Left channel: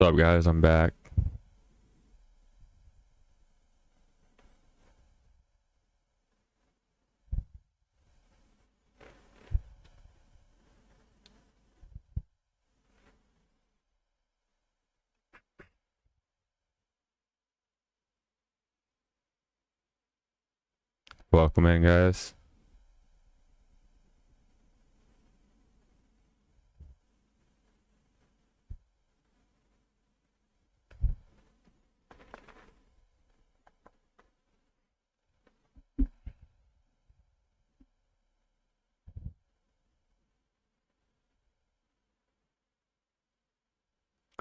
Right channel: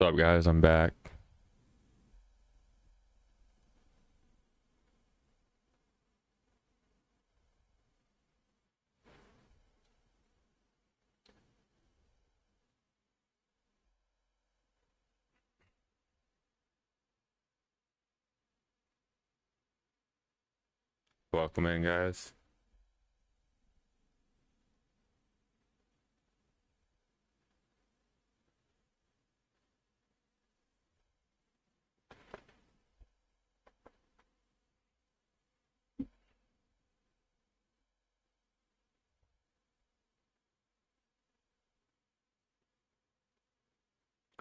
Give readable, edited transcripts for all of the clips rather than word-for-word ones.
What's up, guys? I'm back. Welcome in, guys.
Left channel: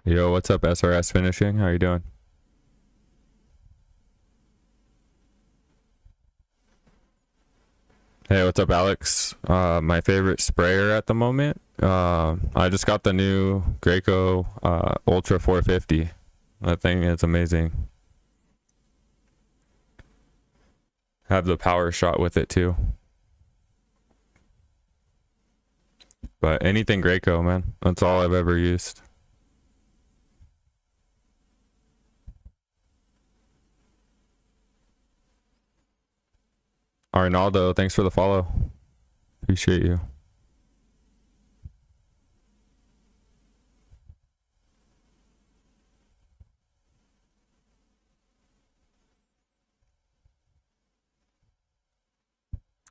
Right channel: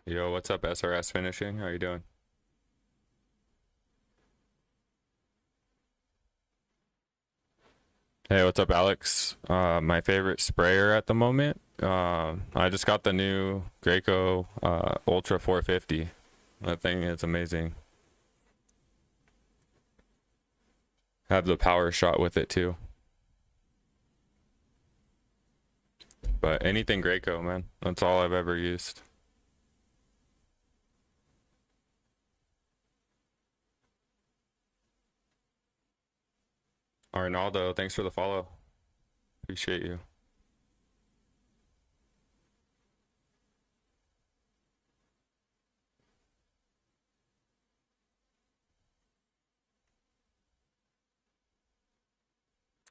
Yo, what's up, SRS Finishing? How you doing? Hey, what's up, Alex? My favorite sprayer at the moment. I just got the new Graco Ultra 450. That thing is amazing. Have the power shot with it too. But anything Graco, man. That's all I've ever used. Arnaldo, thanks for the follow. Appreciate you.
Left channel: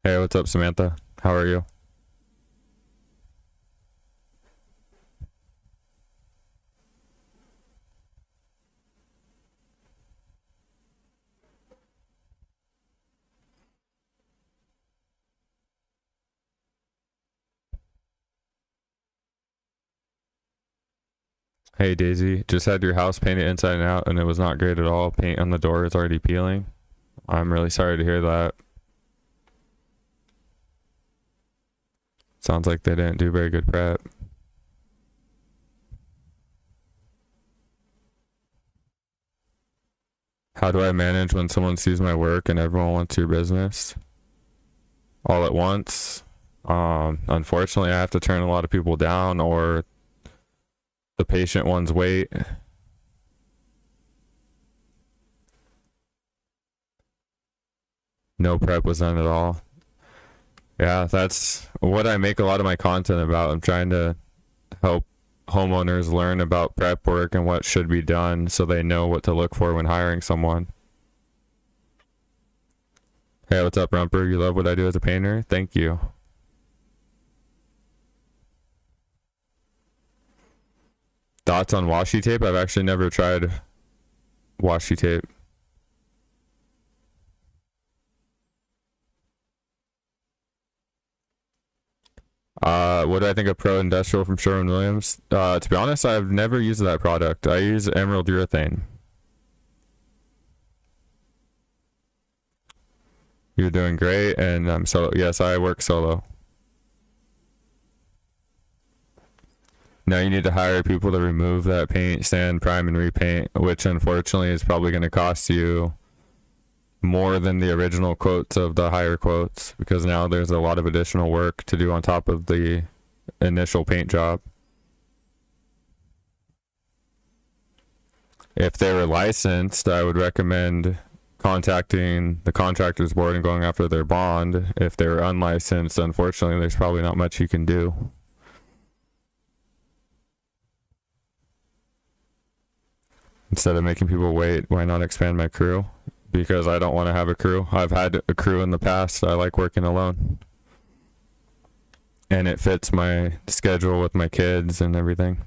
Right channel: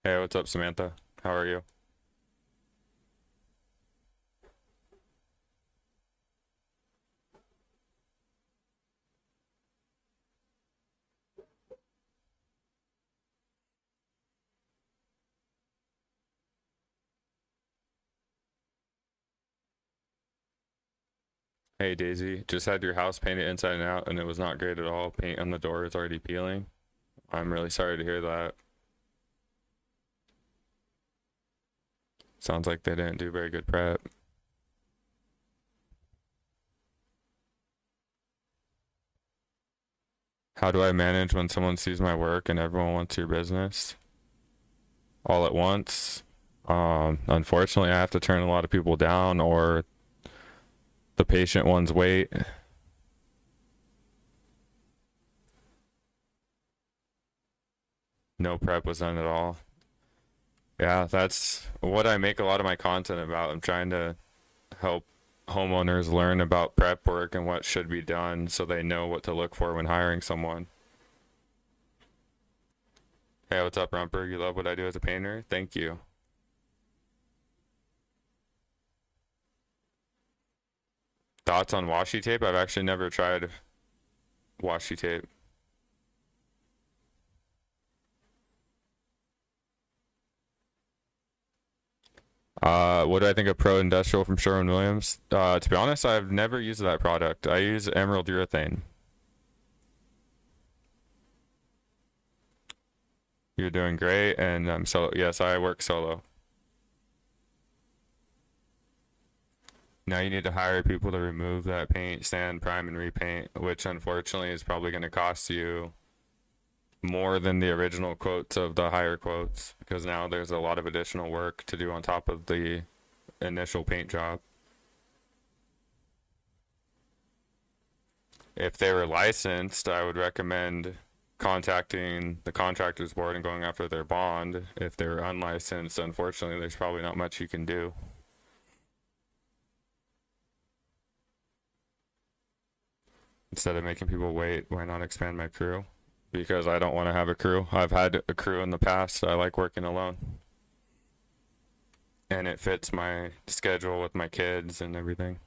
Hey, what's up, Samantha? How are you? Hey Daisy, just had your house painted inside and out and it was not great at all. Paint on the door is already peeling. I'm really sorry to hear that. Sounds like they didn't do very good prep. How do I manage when someone sees my work and everyone wants your business all at once? Unfortunately, I have to turn a lot of people down, or the patient ones wait. No prep was done at all. Yeah, that's what I make a lot of my content about. I'm trying to help homeowners learn about prep work and what should be done so they know what to look for when hiring someone. Hey, what's up, Rumper? You love what I do as a painter? Thank you. Thoughts on washi tape? I've actually never tried washi tape. What do I think of Pro Industrial from Sherwin-Williams? To be honest, I've never used that product. I use Emerald Urethane. You're doing great, and I'm solo. Yes, I work solo. Now you need to hire people to remove that paint, sand, prime, and repaint, which unfortunately is probably going to cost you more than the original quotes of the higher quotes, because now there's a lot of additional work to do on top of the initial paint job. If they were licensed, I would recommend contacting the contractors board and going after their bond. If they're unlicensed, unfortunately, there's probably not much you can do. Instead of making people wait, why not expand my crew? Because I don't want to have a crew. I've had a crew in the past. I like working alone. And it fits my schedule with my kids and everything.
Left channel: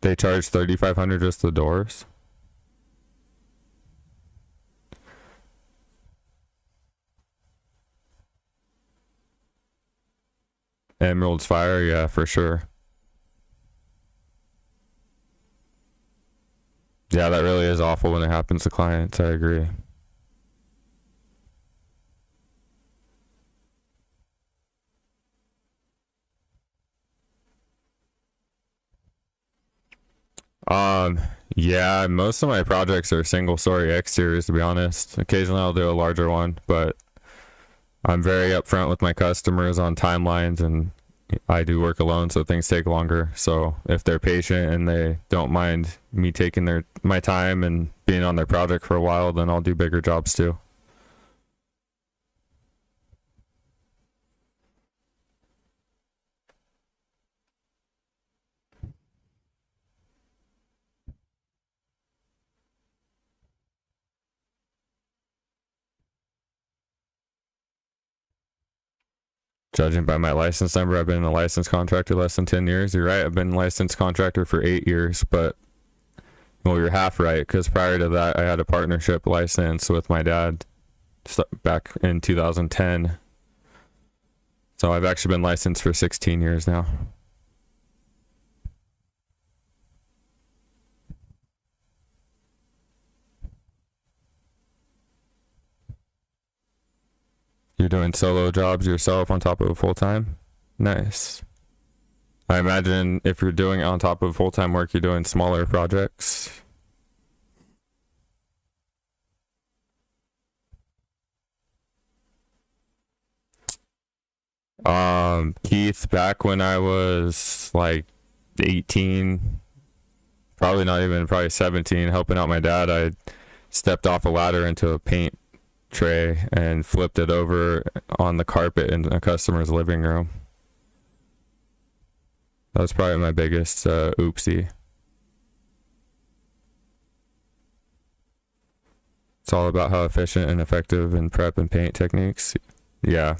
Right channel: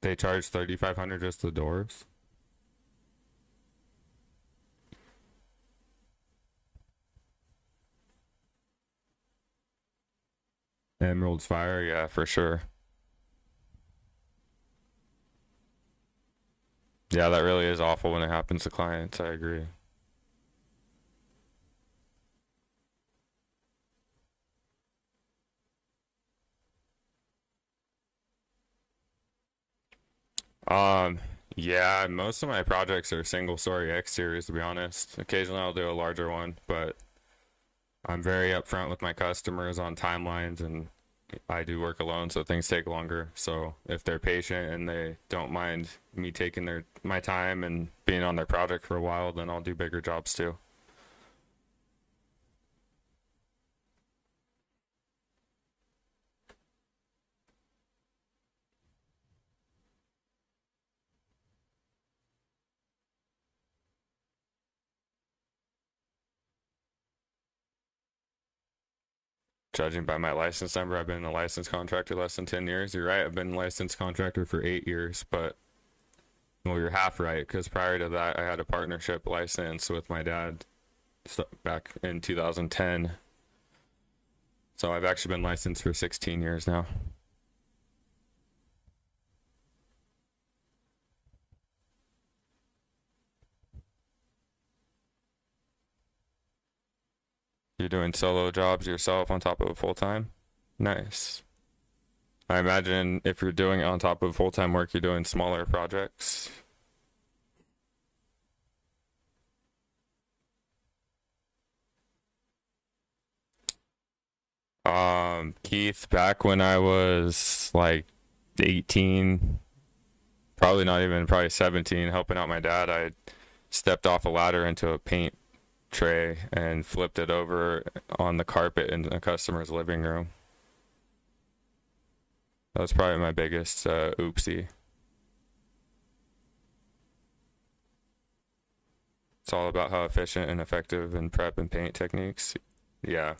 They charge $3,500 just the doors. Emerald's fire, yeah, for sure. Yeah, that really is awful when it happens to clients. I agree. Um, yeah, most of my projects are single story exteriors, to be honest. Occasionally I'll do a larger one, but I'm very upfront with my customers on timelines, and I do work alone, so things take longer. So if they're patient and they don't mind me taking my time and being on their project for a while, then I'll do bigger jobs too. Judging by my license number, I've been a licensed contractor less than 10 years. You're right, I've been a licensed contractor for 8 years, but well, you're half right, because prior to that, I had a partnership license with my dad back in 2010. So I've actually been licensed for 16 years now. You're doing solo jobs yourself on top of a full-time? Nice. I imagine if you're doing it on top of full-time work, you're doing smaller projects. Keith, back when I was like 18, probably 17, helping out my dad, I stepped off a ladder into a paint tray and flipped it over on the carpet in a customer's living room. That was probably my biggest oopsie. It's all about how efficient and effective in prep and paint techniques. Yeah.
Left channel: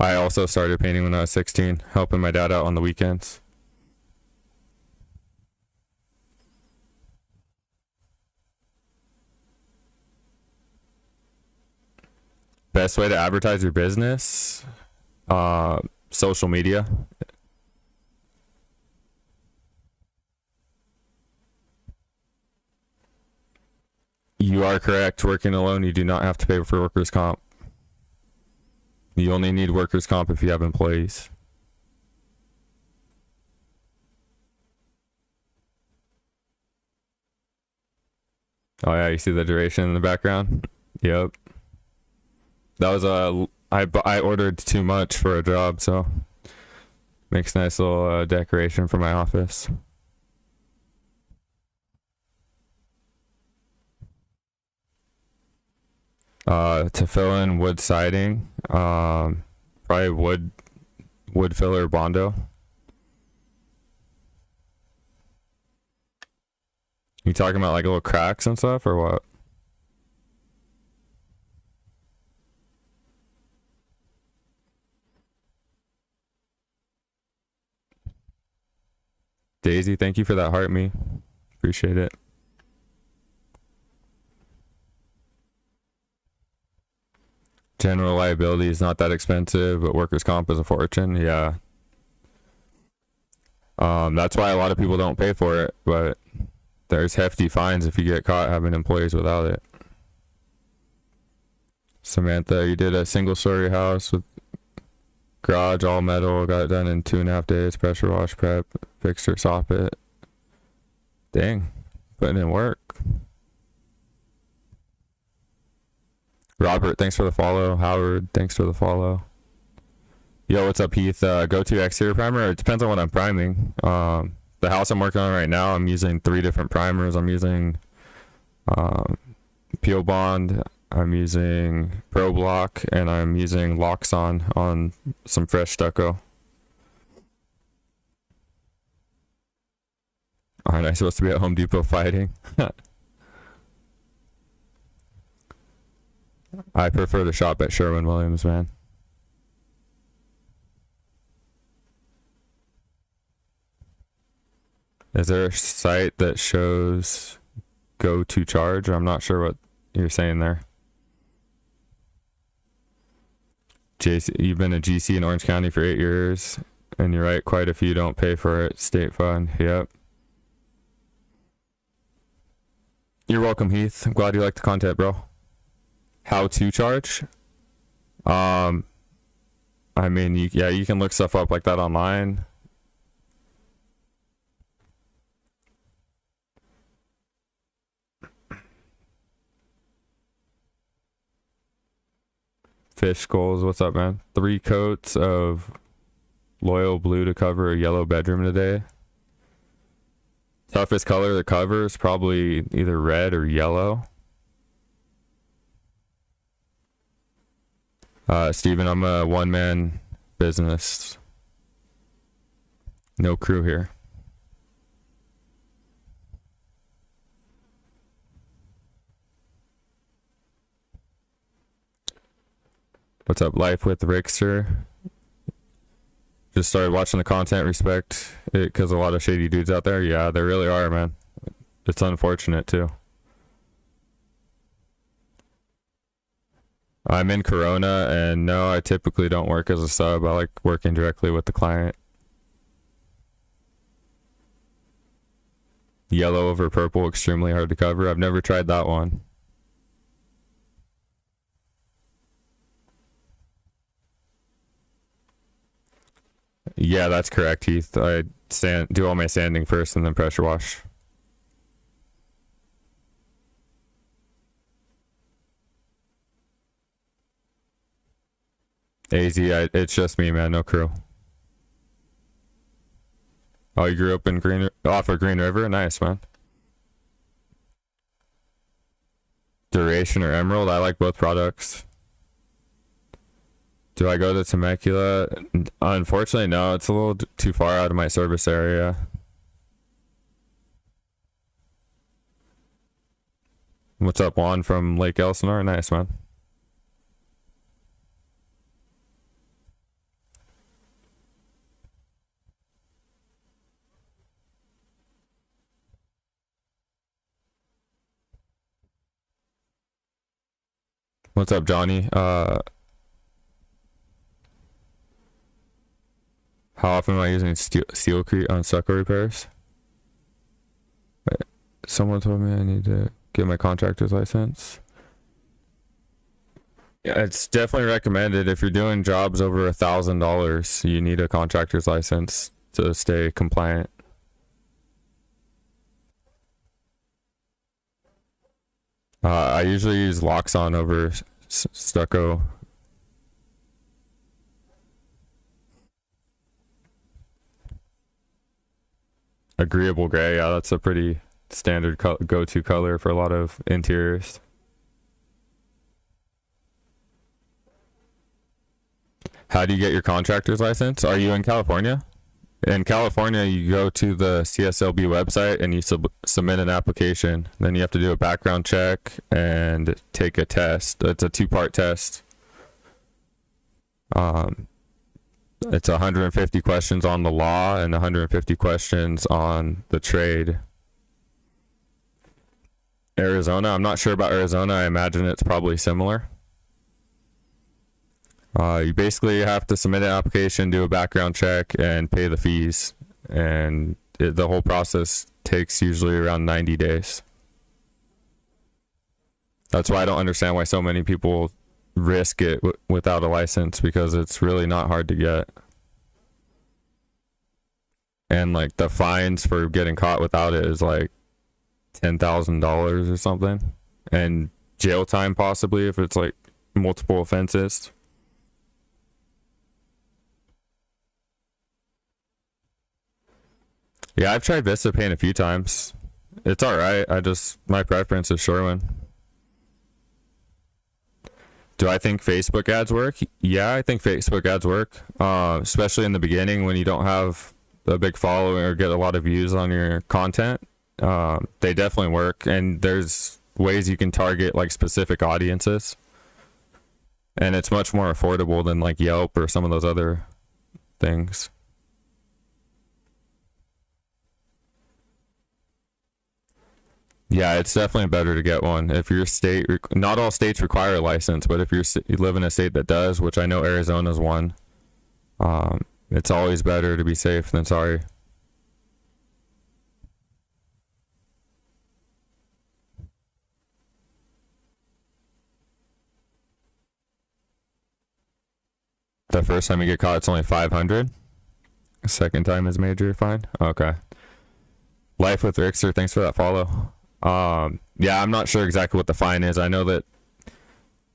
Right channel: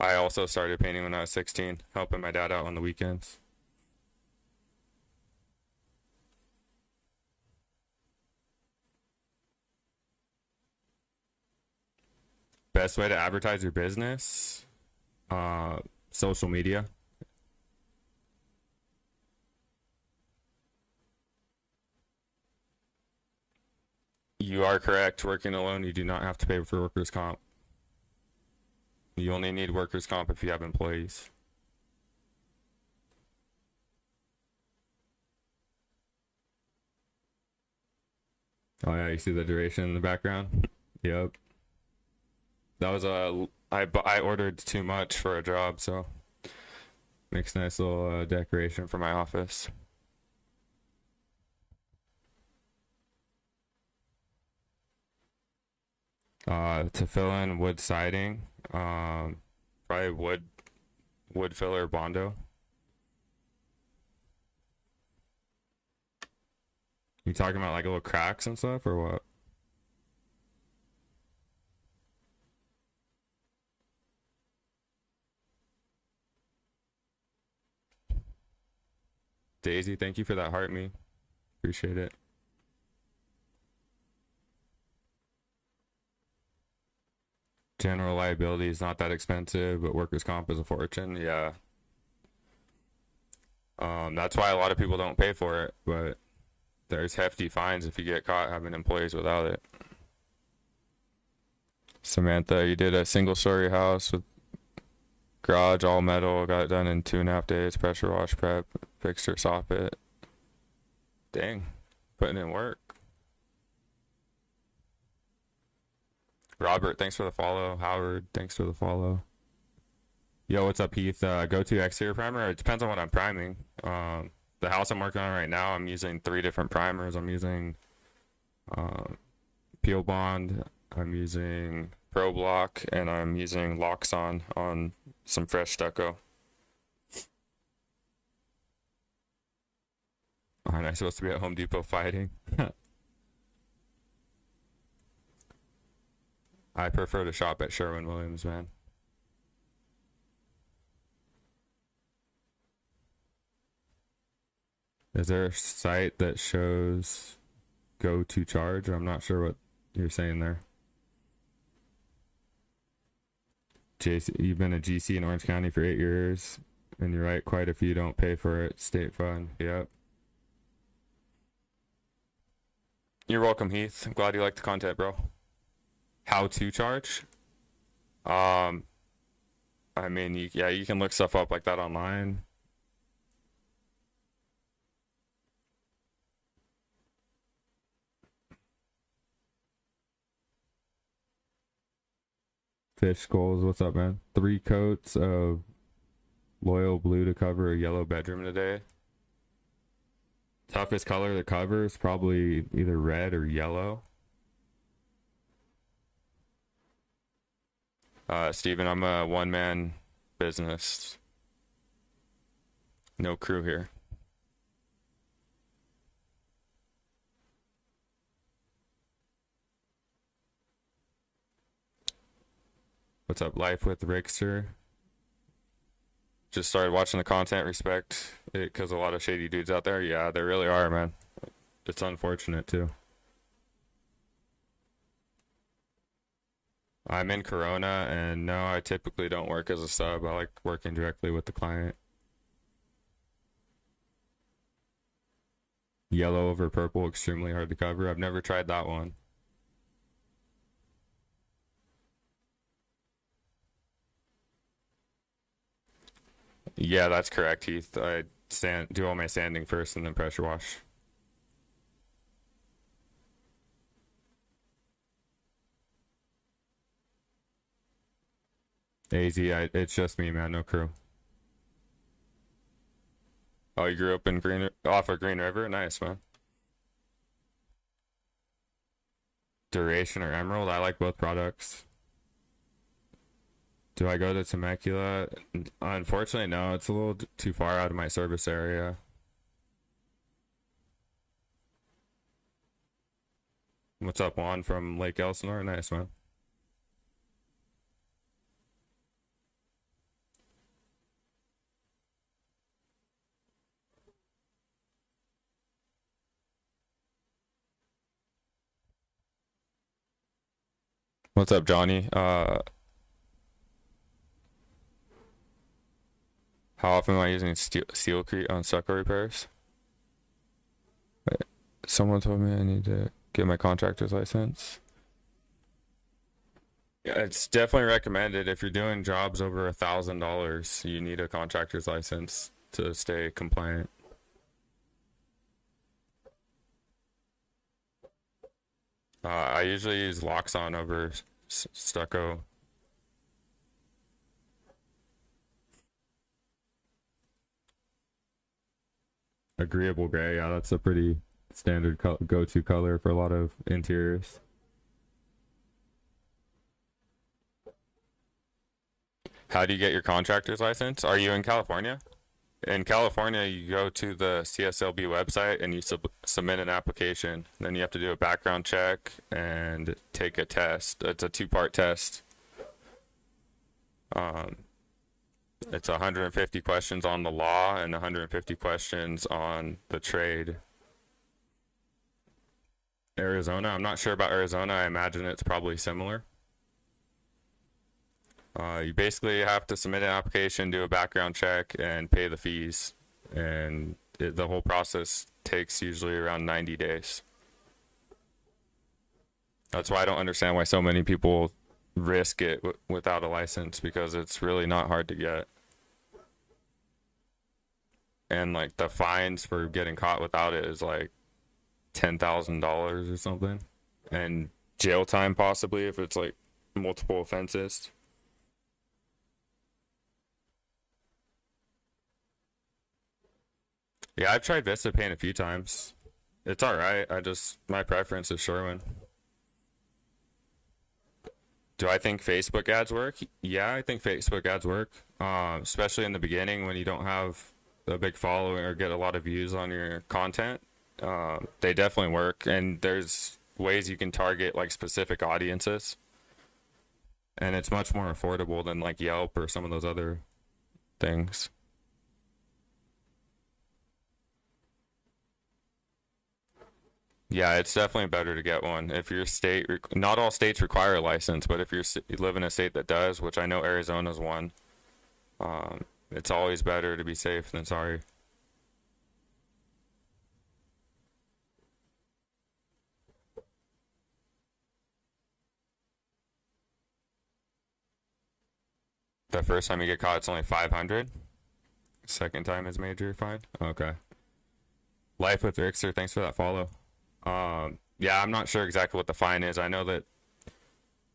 I also started painting when I was 16, helping my dad out on the weekends. Best way to advertise your business? Social media. You are correct. Working alone, you do not have to pay for workers' comp. You only need workers' comp if you have employees. Oh yeah, you see the duration in the background? Yep. That was I ordered too much for a job, so makes a nice little decoration for my office. To fill in wood siding, probably wood filler Bondo. You talking about like little cracks and stuff, or what? Daisy, thank you for that heart me. Appreciate it. General liability is not that expensive, but workers' comp is a fortune. Yeah. That's why a lot of people don't pay for it, but there's hefty fines if you get caught having employees without it. Samantha, you did a single-story house with garage all metal, got it done in 2.5 days, pressure wash prep, fixture soffit. Dang, putting in work. Robert, thanks for the follow. Howard, thanks for the follow. Yo, what's up, Heath? Go-to exterior primer? It depends on what I'm priming. The house I'm working on right now, I'm using 3 different primers. I'm using Peel Bond, I'm using Pro Block, and I'm using Loxon on some fresh stucco. Aren't I supposed to be at Home Depot fighting? I prefer to shop at Sherwin-Williams, man. Is there a site that shows go to charge? I'm not sure what you're saying there. JC, you've been a GC in Orange County for 8 years, and you're right, quite a few don't pay for it. State fund, yep. You're welcome, Heath. I'm glad you like the content, bro. How to charge? I mean, you can look stuff up like that online. Fish Skulls, what's up, man? 3 coats of Loyal Blue to cover a yellow bedroom today. Toughest color to cover is probably either red or yellow. Steven, I'm a one-man business. No crew here. What's up, Life with Rickster? Just started watching the content, respect it, because a lot of shady dudes out there. Yeah, there really are, man. It's unfortunate, too. I'm in Corona, and no, I typically don't work as a sub. I like working directly with the client. Yellow over purple, extremely hard to cover. I've never tried that one. Yeah, that's correct, Heath. I do all my sanding first and then pressure wash. It's just me, man. No crew. Oh, you grew up in off of Green River? Nice, man. Duration or Emerald? I like both products. Do I go to Temecula? Unfortunately, no. It's a little too far out of my service area. What's up, Juan from Lake Elsinore? Nice, man. What's up, Johnny? How often am I using Sealcrete on stucco repairs? Someone told me I need to get my contractor's license. Yeah, it's definitely recommended. If you're doing jobs over $1,000, you need a contractor's license to stay compliant. I usually use Loxon over stucco. Agreeable gray, yeah, that's a pretty standard go-to color for a lot of interiors. How do you get your contractor's license? Are you in California? In California, you go to the CSLB website and you submit an application. Then you have to do a background check and take a test. It's a 2-part test. It's 150 questions on the law and 150 questions on the trade. Arizona, I'm not sure about Arizona. I imagine it's probably similar. You basically have to submit an application, do a background check, and pay the fees. And the whole process takes usually around 90 days. That's why I don't understand why so many people risk it without a license, because it's really not hard to get. And like the fines for getting caught without it is like $10,000 or something, and jail time possibly if it's like multiple offenses. Yeah, I've tried Vista Paint a few times. It's alright. My preference is Shoreline. Do I think Facebook ads work? Yeah, I think Facebook ads work, especially in the beginning when you don't have a big following or get a lot of views on your content. They definitely work, and there's ways you can target like specific audiences, and it's much more affordable than like Yelp or some of those other things. Yeah, it's definitely better to get one. If your state, not all states require a license, but if you live in a state that does, which I know Arizona's one, it's always better to be safe than sorry. The first time you get caught, it's only 500. The second time is major fine. Okay. Life with Rickster, thanks for that follow. Yeah, I'm not sure exactly what the fine is. I know that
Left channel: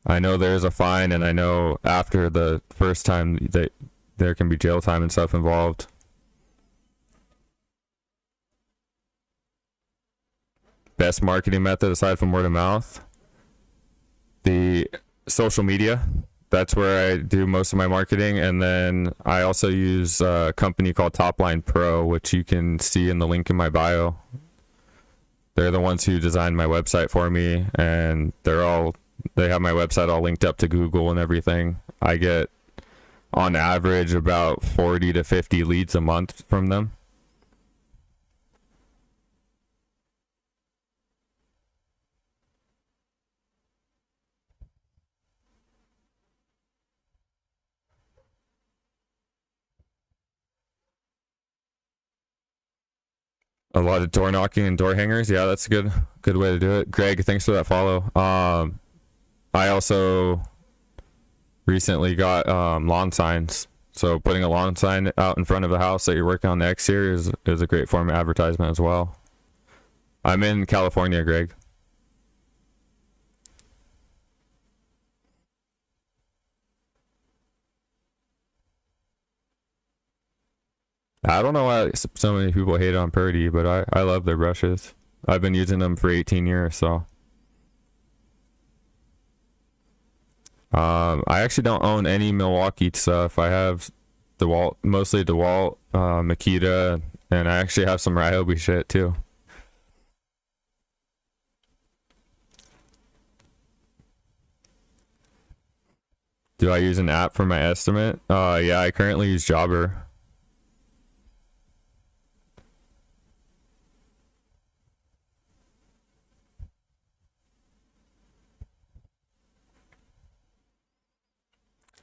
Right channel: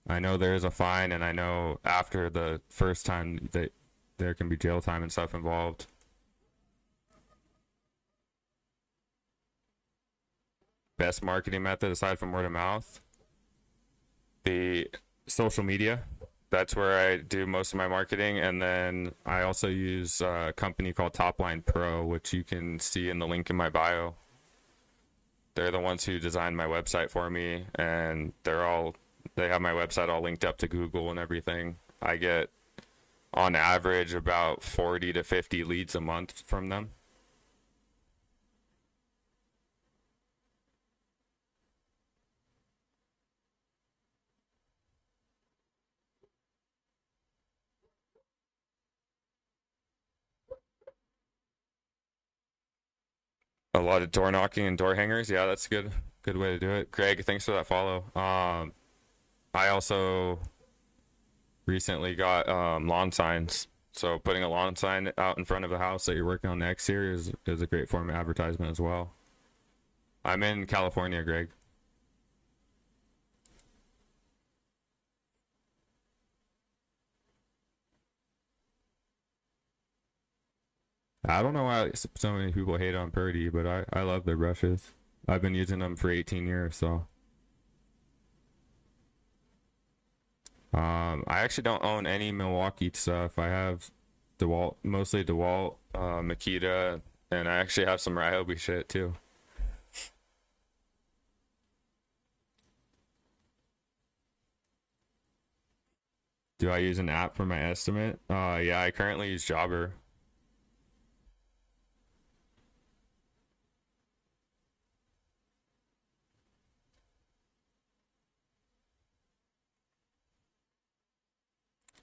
I know there's a fine, and I know after the first time that there can be jail time and stuff involved. Best marketing method aside from word of mouth? The social media. That's where I do most of my marketing, and then I also use a company called Topline Pro, which you can see in the link in my bio. They're the ones who designed my website for me, and they have my website all linked up to Google and everything. I get on average about 40 to 50 leads a month from them. A lot of door knocking and door hangers. Yeah, that's a good way to do it. Greg, thanks for that follow. I also recently got lawn signs. So putting a lawn sign out in front of the house that you're working on the exterior is a great form of advertisement as well. I'm in California, Greg. I don't know why so many people hate on Purdy, but I love their brushes. I've been using them for 18 years, so. I actually don't own any Milwaukee stuff. I have DeWalt, mostly DeWalt, Makita, and I actually have some Ryobi shit too. Do I use an app for my estimate? Yeah, I currently use Jobber.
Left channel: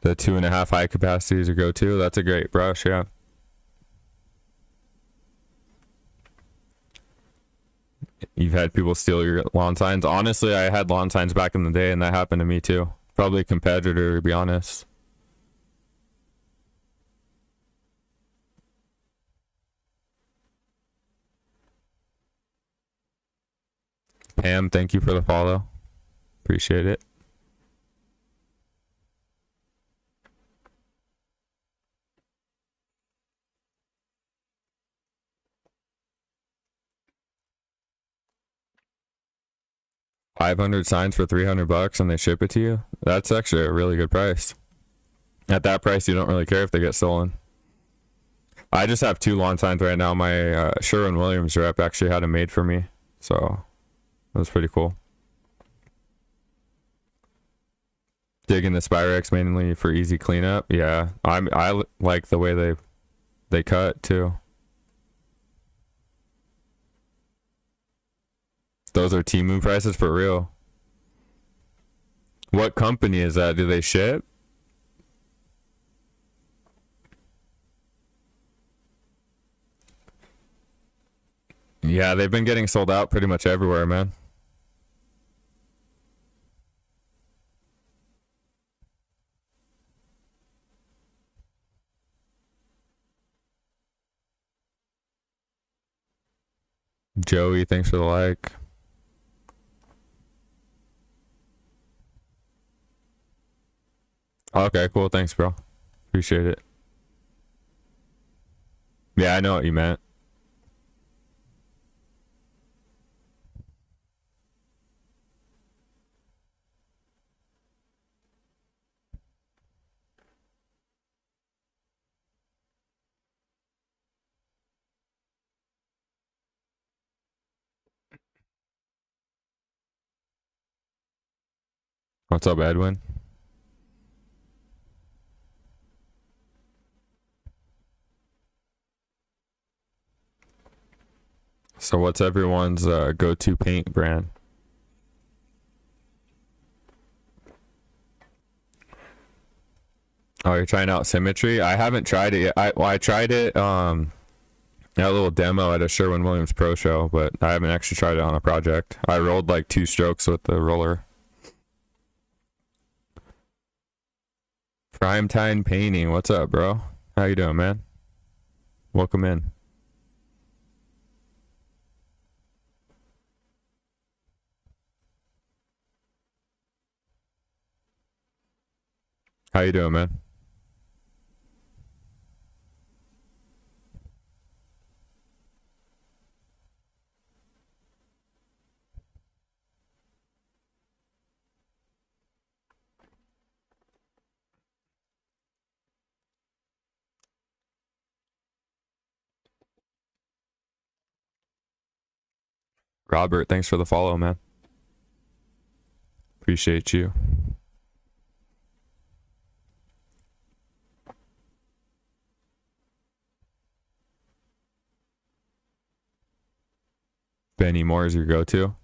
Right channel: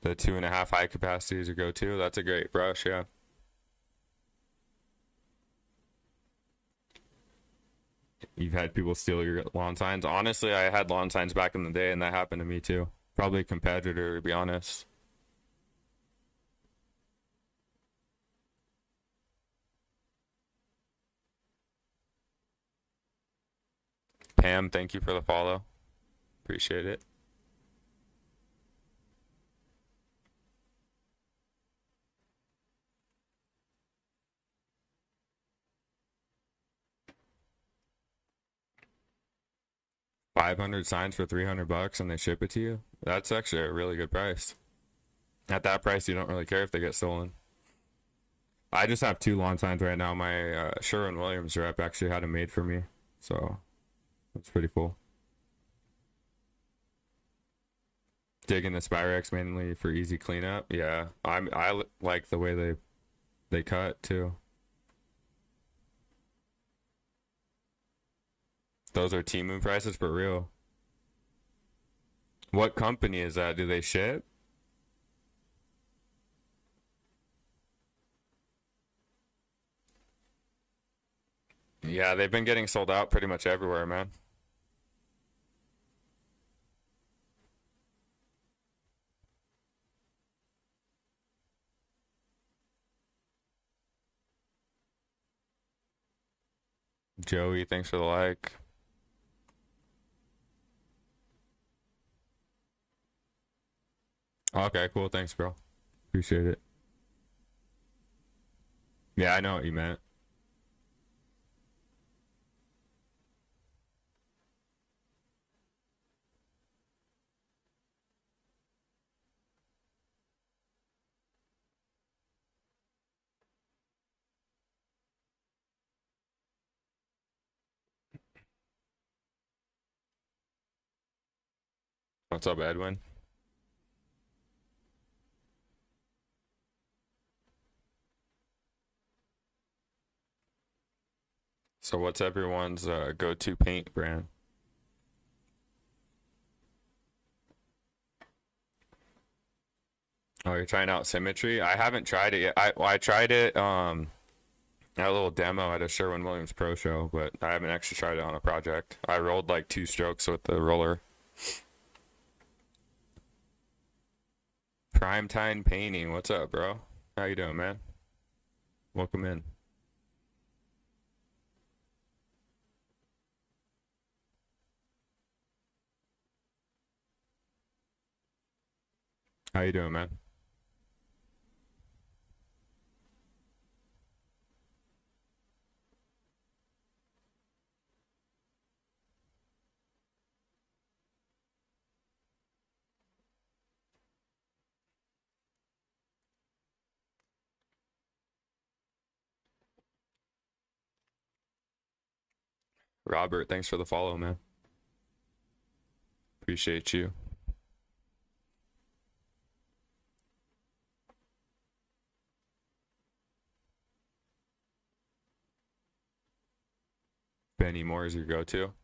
The 2.5 high capacities or go to. That's a great brush, yeah. You've had people steal your lawn signs. Honestly, I had lawn signs back in the day, and that happened to me too. Probably a competitor, to be honest. Pam, thank you for the follow. Appreciate it. $500 signs for $300 and they ship it to you. That's actually a really good price. At that price, you don't really care if they get stolen. I just have 2 lawn signs right now. My Sherwin-Williams rep actually had them made for me, so it was pretty cool. Digging the Spyrex mainly for easy cleanup. Yeah, I like the way they cut too. Those are Temu prices for real. What company is that? Do they ship? Yeah, they've been getting sold out pretty much everywhere, man. Joey, thanks for the like. Okay, cool. Thanks, bro. Appreciate it. Yeah, I know what you meant. What's up, Edwin? So what's everyone's go-to paint brand? Oh, you're trying out Symmetry? I haven't tried it yet. I tried it a little demo at a Sherwin-Williams Pro Show, but I haven't actually tried it on a project. I rolled like 2 strokes with the roller. Primetime Painting, what's up, bro? How you doing, man? Welcome in. How you doing, man? Robert, thanks for the follow, man. Appreciate you. Benny Moore is your go-to.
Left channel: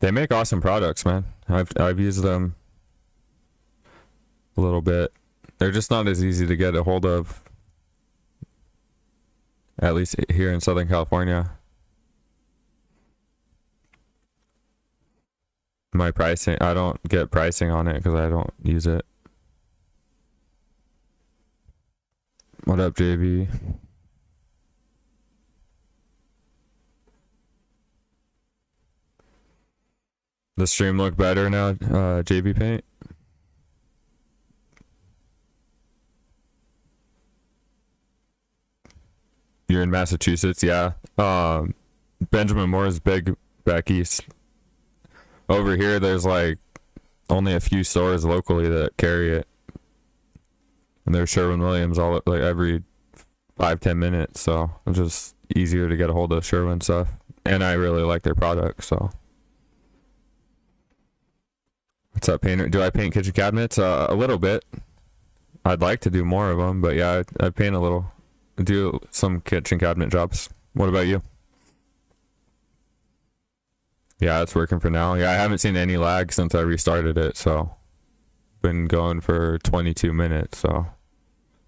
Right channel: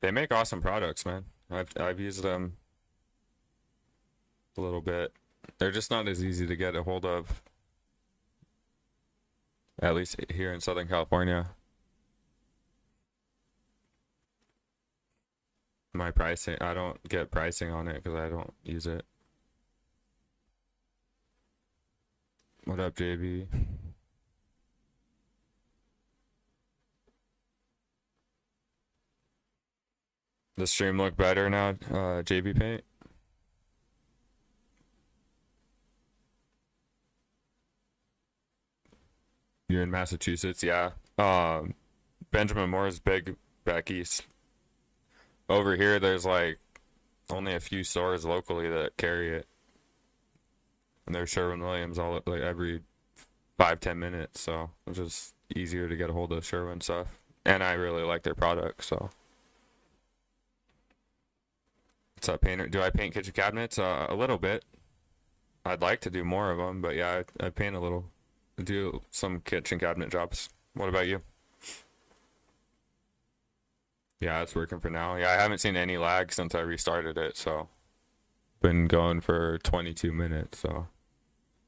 They make awesome products, man. I've used them a little bit. They're just not as easy to get a hold of, at least here in Southern California. My pricing, I don't get pricing on it because I don't use it. What up, JV? The stream look better now, JV Paint? You're in Massachusetts, yeah. Benjamin Moore's big back east. Over here, there's like only a few stores locally that carry it, and there's Sherwin-Williams all like every 5-10 minutes. So it's just easier to get a hold of Sherwin stuff, and I really like their product. So what's up, painter? Do I paint kitchen cabinets? A little bit. I'd like to do more of them, but yeah, I paint a little. I do some kitchen cabinet jobs. What about you? Yeah, it's working for now. Yeah, I haven't seen any lag since I restarted it, so been going for 22 minutes, so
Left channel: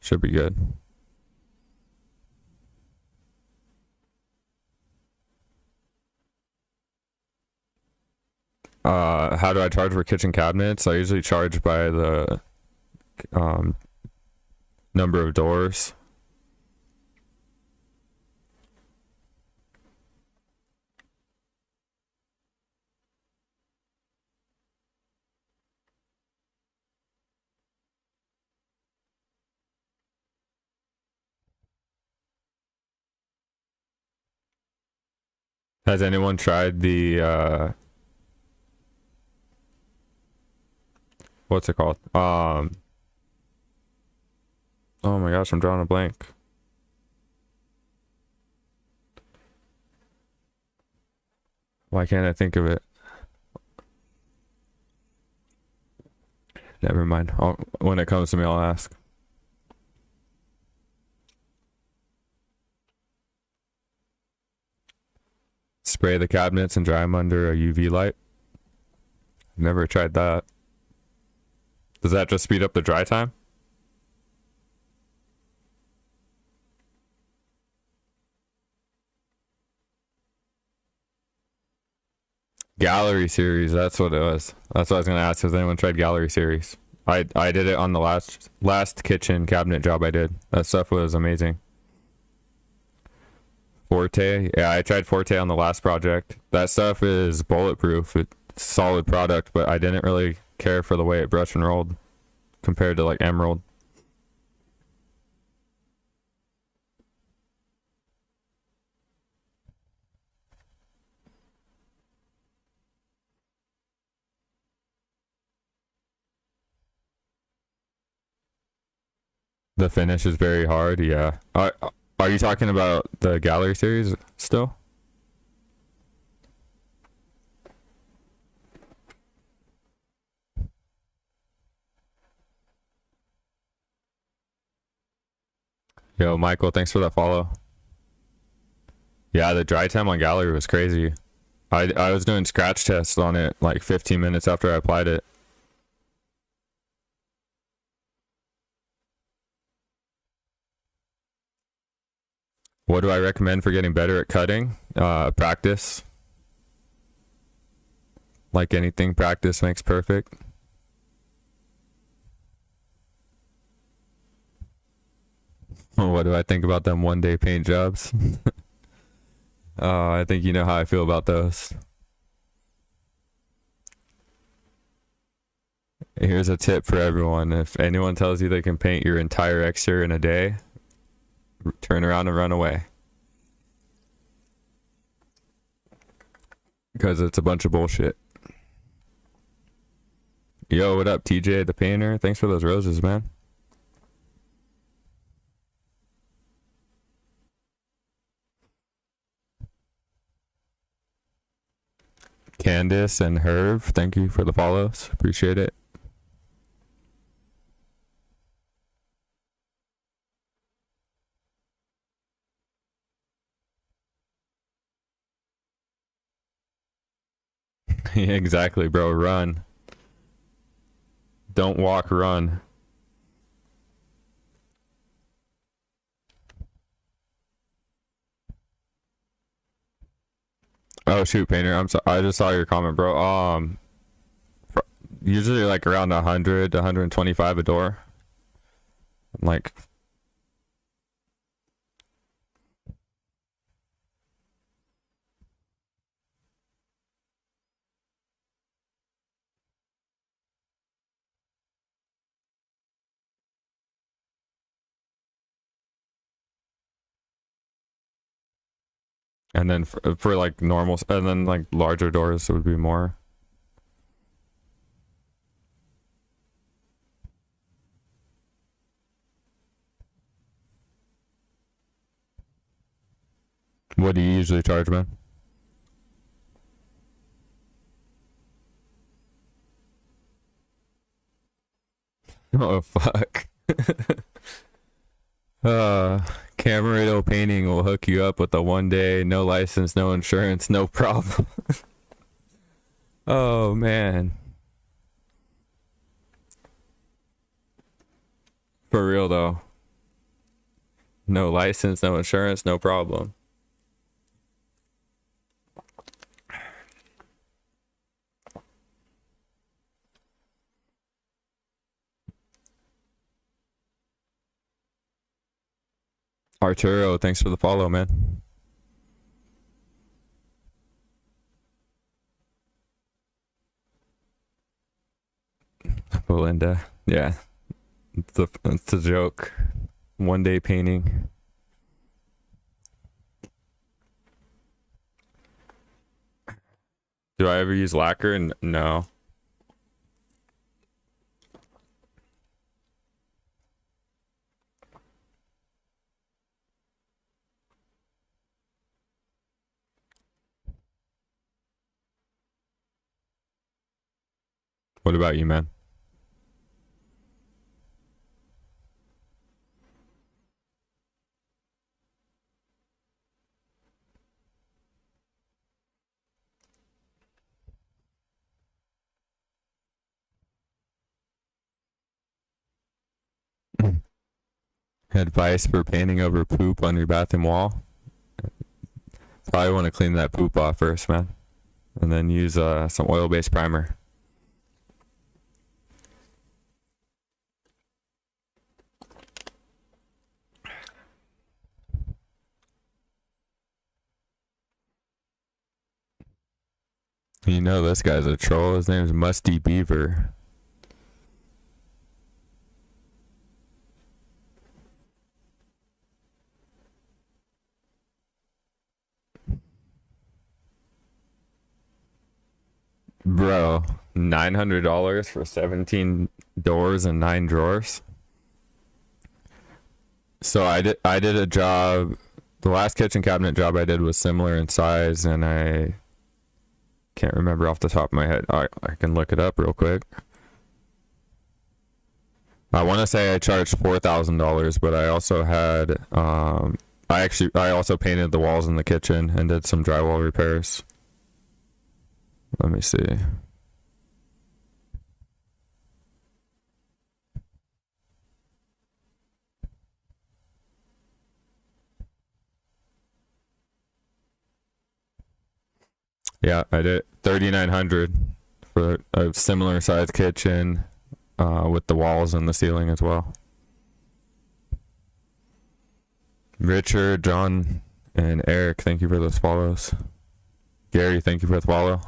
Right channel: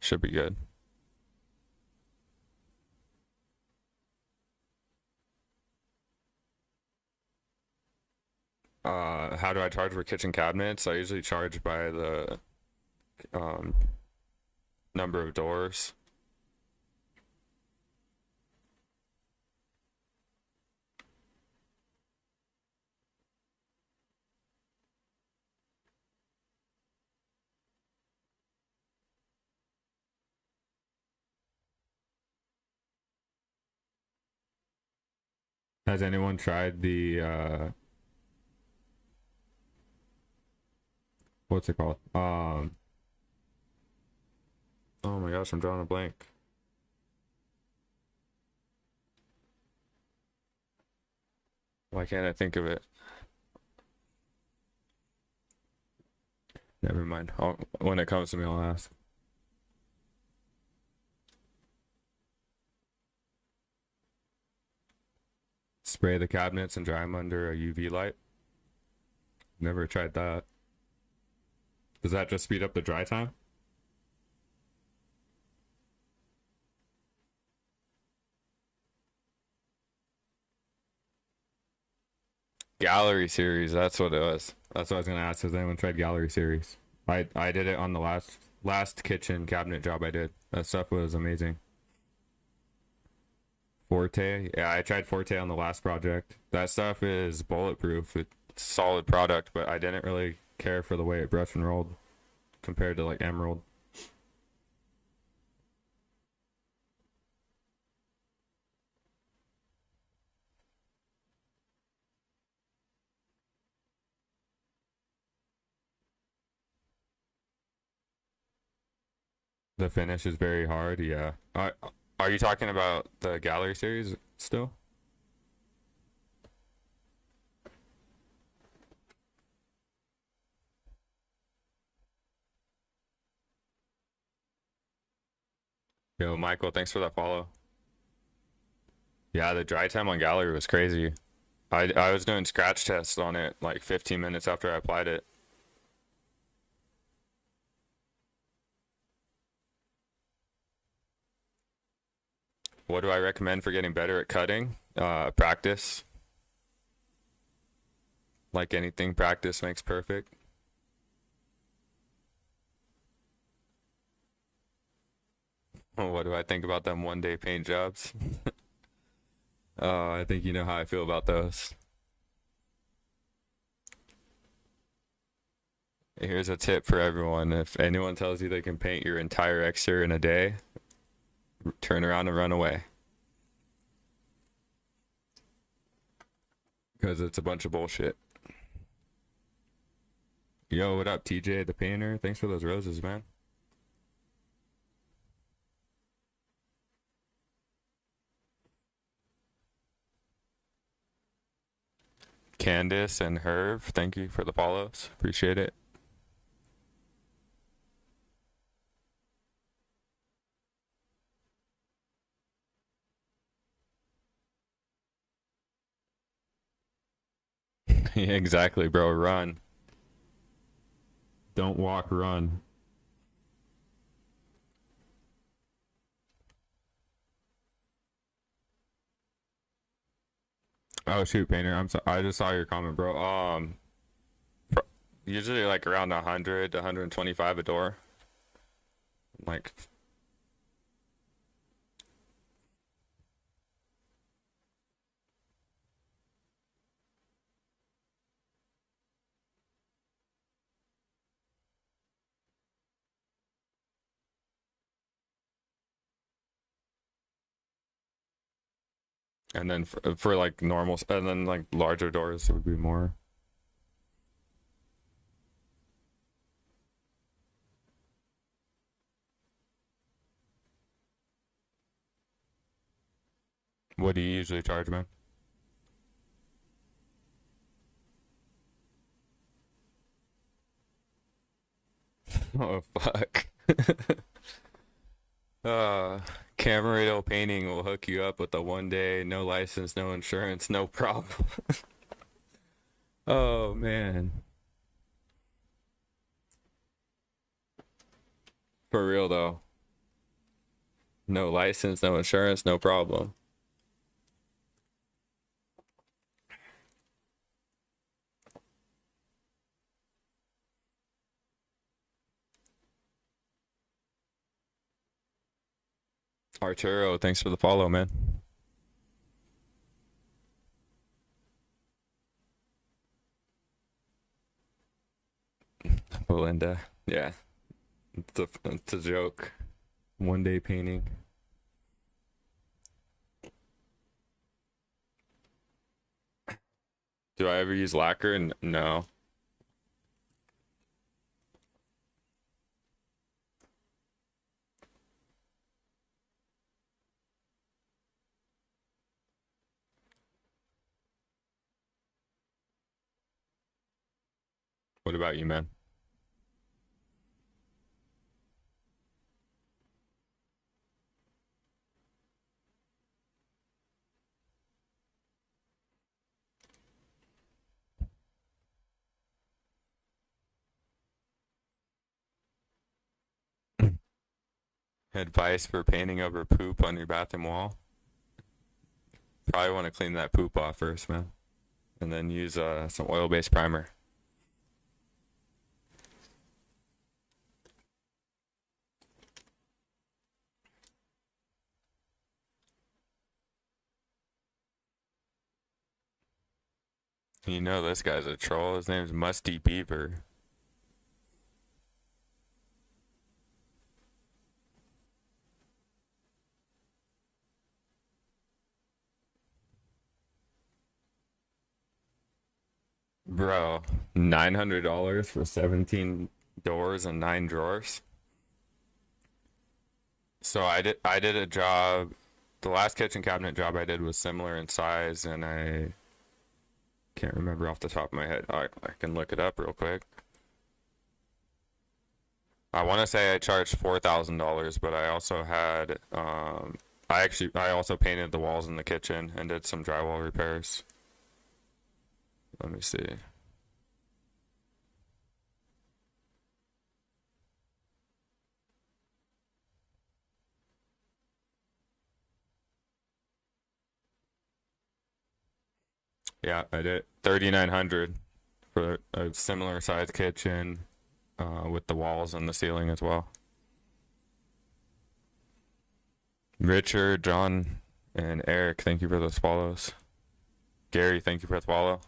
should be good. How do I charge for kitchen cabinets? I usually charge by the number of doors. Has anyone tried the what's it called? Oh my gosh, I'm drawing a blank. Why can't I think of it? Never mind. When it comes to me, I'll ask. Spray the cabinets and dry them under a UV light. Never tried that. Does that just speed up the dry time? Gallery series, that's what it was. That's what I was gonna ask. Has anyone tried gallery series? I did it on the last kitchen cabinet job I did. That stuff was amazing. Forte, yeah, I tried Forte on the last project. That stuff is bulletproof. It's a solid product, but I didn't really care for the way it brushed and rolled compared to like Emerald. The finish is very hard, yeah. Are you talking about the gallery series still? Yo, Michael, thanks for that follow. Yeah, the dry time on gallery was crazy. I was doing scratch tests on it like 15 minutes after I applied it. What do I recommend for getting better at cutting? Practice. Like anything, practice makes perfect. What do I think about them one-day paint jobs? I think you know how I feel about those. Here's a tip for everyone. If anyone tells you they can paint your entire exterior in a day, turn around and run away. Because it's a bunch of bullshit. Yo, what up, TJ the painter? Thanks for those roses, man. Candace and Herv, thank you for the follows. Appreciate it. Yeah, exactly, bro. Run. Don't walk, run. Oh shoot, painter. I'm so I just saw your comment, bro. Usually like around 100 to 125 a door. Like, and then for like normal, and then like larger doors would be more. What do you usually charge, man? Oh fuck. uh Camarado Painting will hook you up with a 1 day, no license, no insurance, no problem. Oh man. For real though. No license, no insurance, no problem. Arturo, thanks for the follow, man. Belinda, yeah, it's a joke. 1 day painting. Do I ever use lacquer? No. What about you, man? Advice for painting over poop on your bathroom wall? Probably want to clean that poop off first, man. And then use some oil-based primer. You know this guy's a troll. His name's Musty Beaver. Bro, $900 for 17 doors and 9 drawers. So I did a job. The last kitchen cabinet job I did was similar in size, and I can't remember off the top of my head. I can look it up real quick. I want to say I charged $4,000, but I also had I also painted the walls in the kitchen and did some drywall repairs. Let me see. Yeah, I did 3,900 for a similar sized kitchen, with the walls and the ceiling as well. Richard, John, and Eric, thank you for those follows. Gary, thank you for the follow.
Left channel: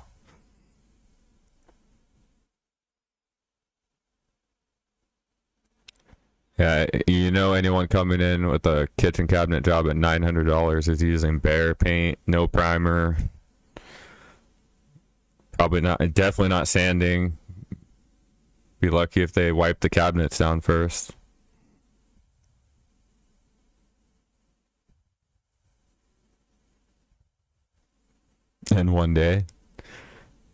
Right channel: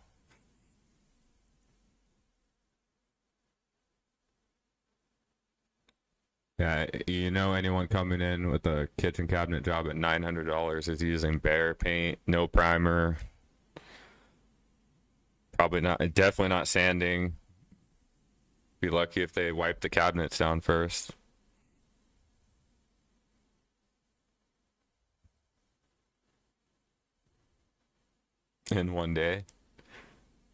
Yeah, you know, anyone coming in with a kitchen cabinet job at $900 is using bare paint, no primer, probably not, definitely not sanding. Be lucky if they wipe the cabinets down first. In one day.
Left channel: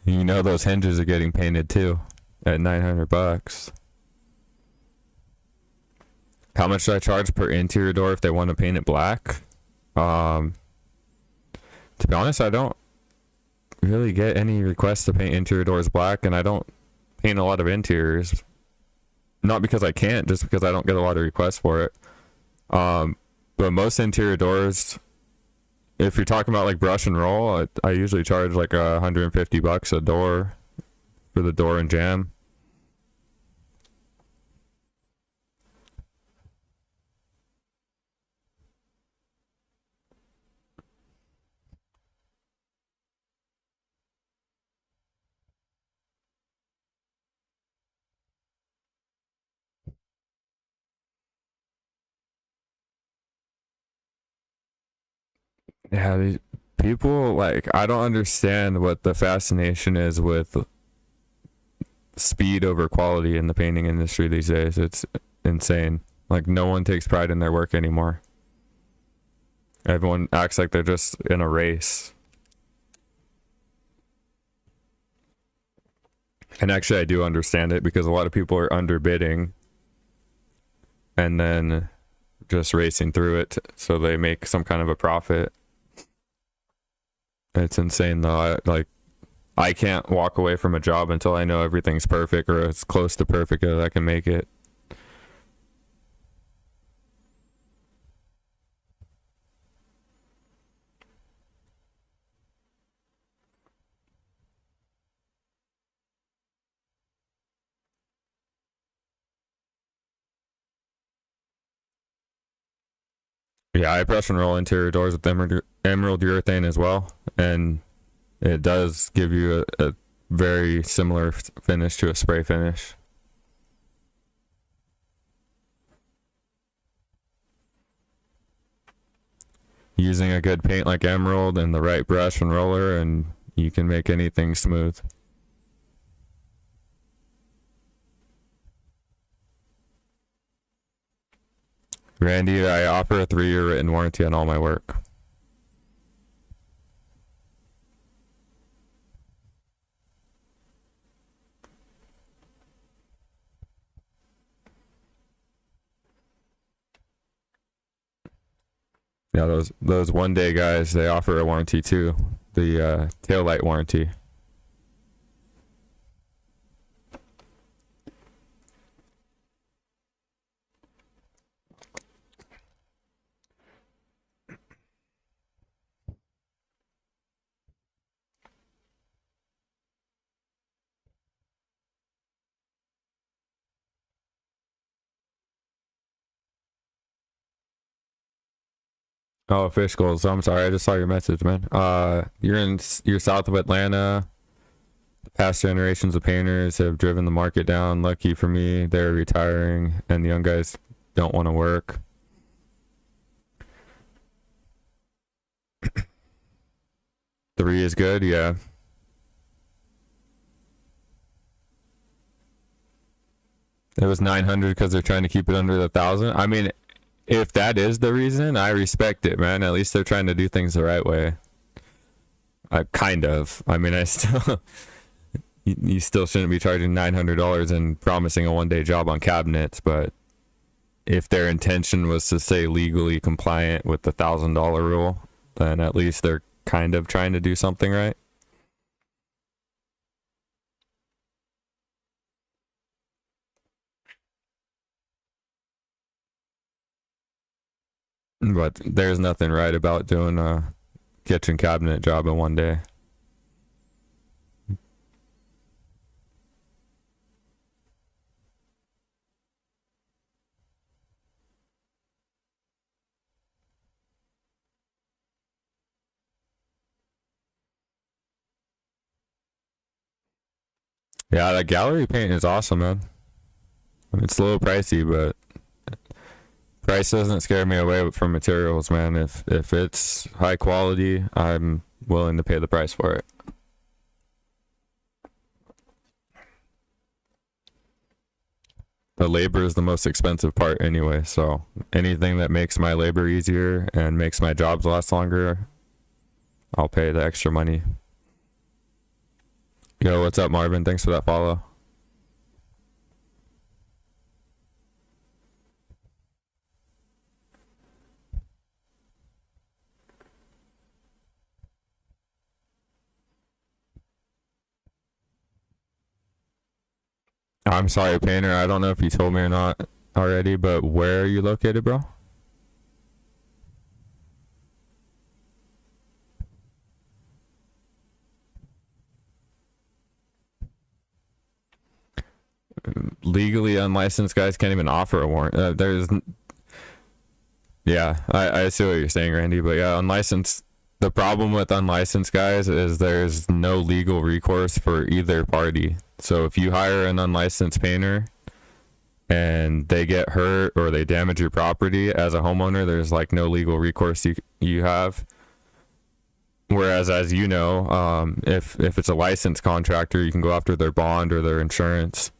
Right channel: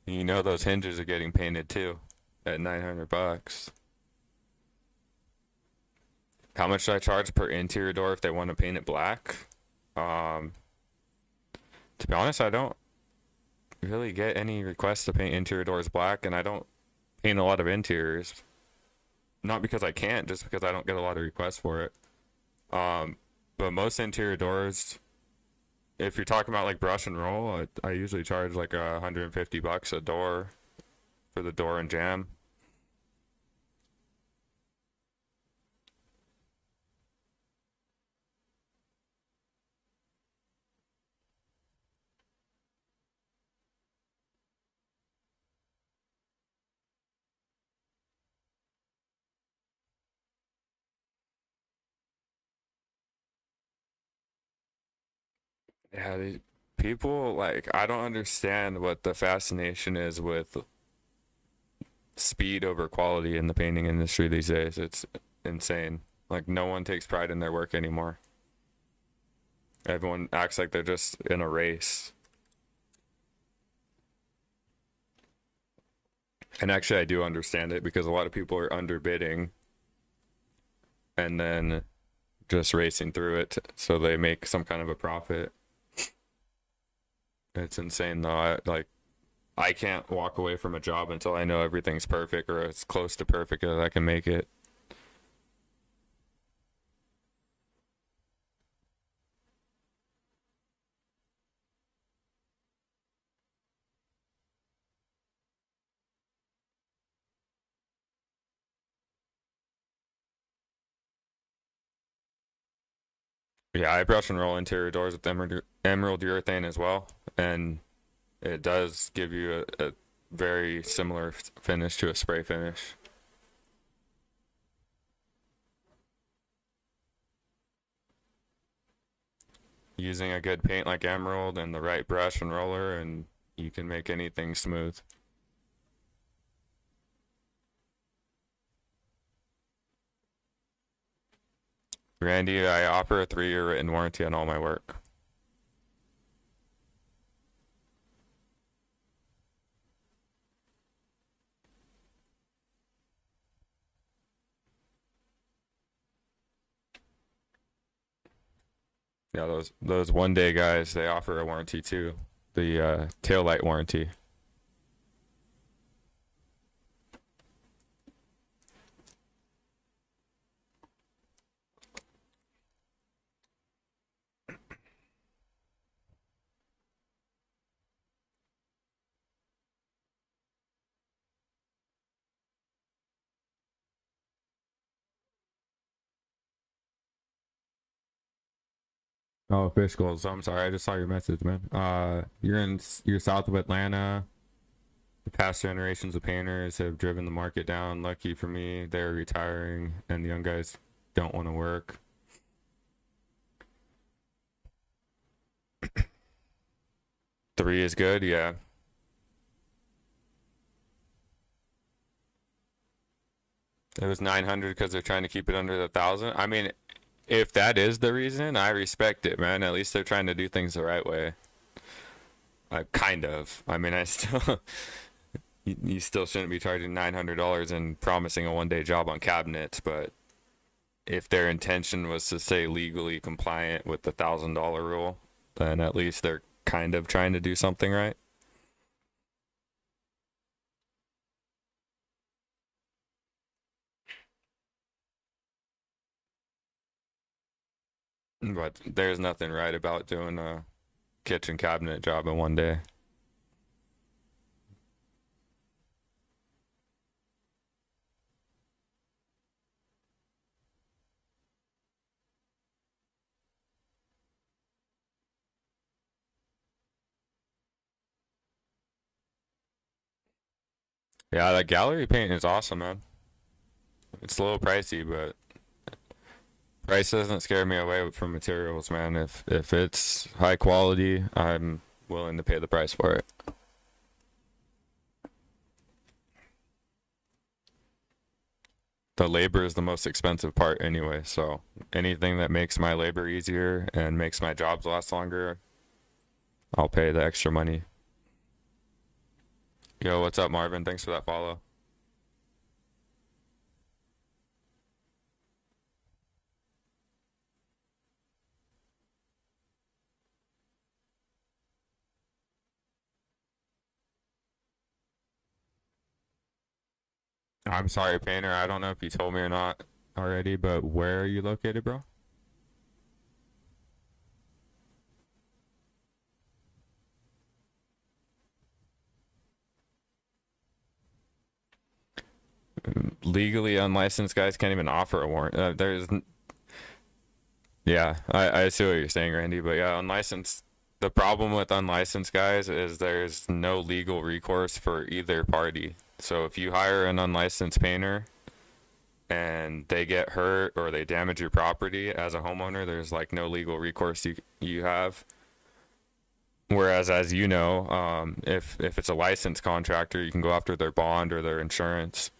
You know those hinges are getting painted too at 900 bucks. How much do I charge per interior door if they want to paint it black? Um, to be honest, I don't really get any requests to paint interior doors black, and I don't paint a lot of interiors. Not because I can't, just because I don't get a lot of requests for it. But most interior doors, if you're talking about like brush and roll, I usually charge like $150 a door for the door and jam. Yeah, these people, like, I don't understand what the fascination is with speed over quality in the painting industry these days. It's insane. Like, no one takes pride in their work anymore. Everyone acts like they're just in a race. And actually, I do understand it because a lot of people are underbidding and then just racing through it so they make some kind of a profit. It's insane though. I can't walk away from a job until I know everything's perfect or as close to perfect as I can make it. Yeah, I brush and roll interior doors with emerald urethane as well, and it does give you a very similar finish to a spray finish. Using a good paint like emerald and the right brush and roller, and you can make anything smooth. Randy, I offer a 3-year written warranty on all my work. Yeah, those 1 day guys, they offer a warranty too. The tail light warranty. Oh, fish goals. I'm sorry, I just saw your message, man. You're south of Atlanta. The past generations of painters have driven the market down. Lucky for me, they're retiring, and the young guys don't want to work. Three is good, yeah. It was 900 because they're trying to keep it under the 1,000. I mean, if that is the reason, I respect it, man. At least they're trying to do things the right way. Kind of. I mean, I still, you still shouldn't be charging $900 and promising a 1 day job on cabinets, but if their intention was to stay legally compliant with the $1,000 rule, then at least they're kind of trying to do something right. But there's nothing right about doing a kitchen cabinet job in 1 day. Yeah, that gallery paint is awesome, man. It's a little pricey, but Price doesn't scare me away from materials, man. If it's high quality, I'm willing to pay the price for it. The labor is the most expensive part anyway, so anything that makes my labor easier and makes my jobs last longer, I'll pay the extra money. Yo, what's up, Marvin? Thanks for that follow. I'm sorry, Painter. I don't know if you told me or not already, but where are you located, bro? Legally unlicensed guys can't even offer a warrant. Yeah, I see what you're saying, Randy, but yeah, unlicensed. The problem with unlicensed guys is there's no legal recourse for either party. So if you hire an unlicensed painter and they get hurt or they damage your property as a homeowner, there's like no legal recourse you have. Whereas, as you know, if it's a licensed contractor, you can go after their bond or their insurance.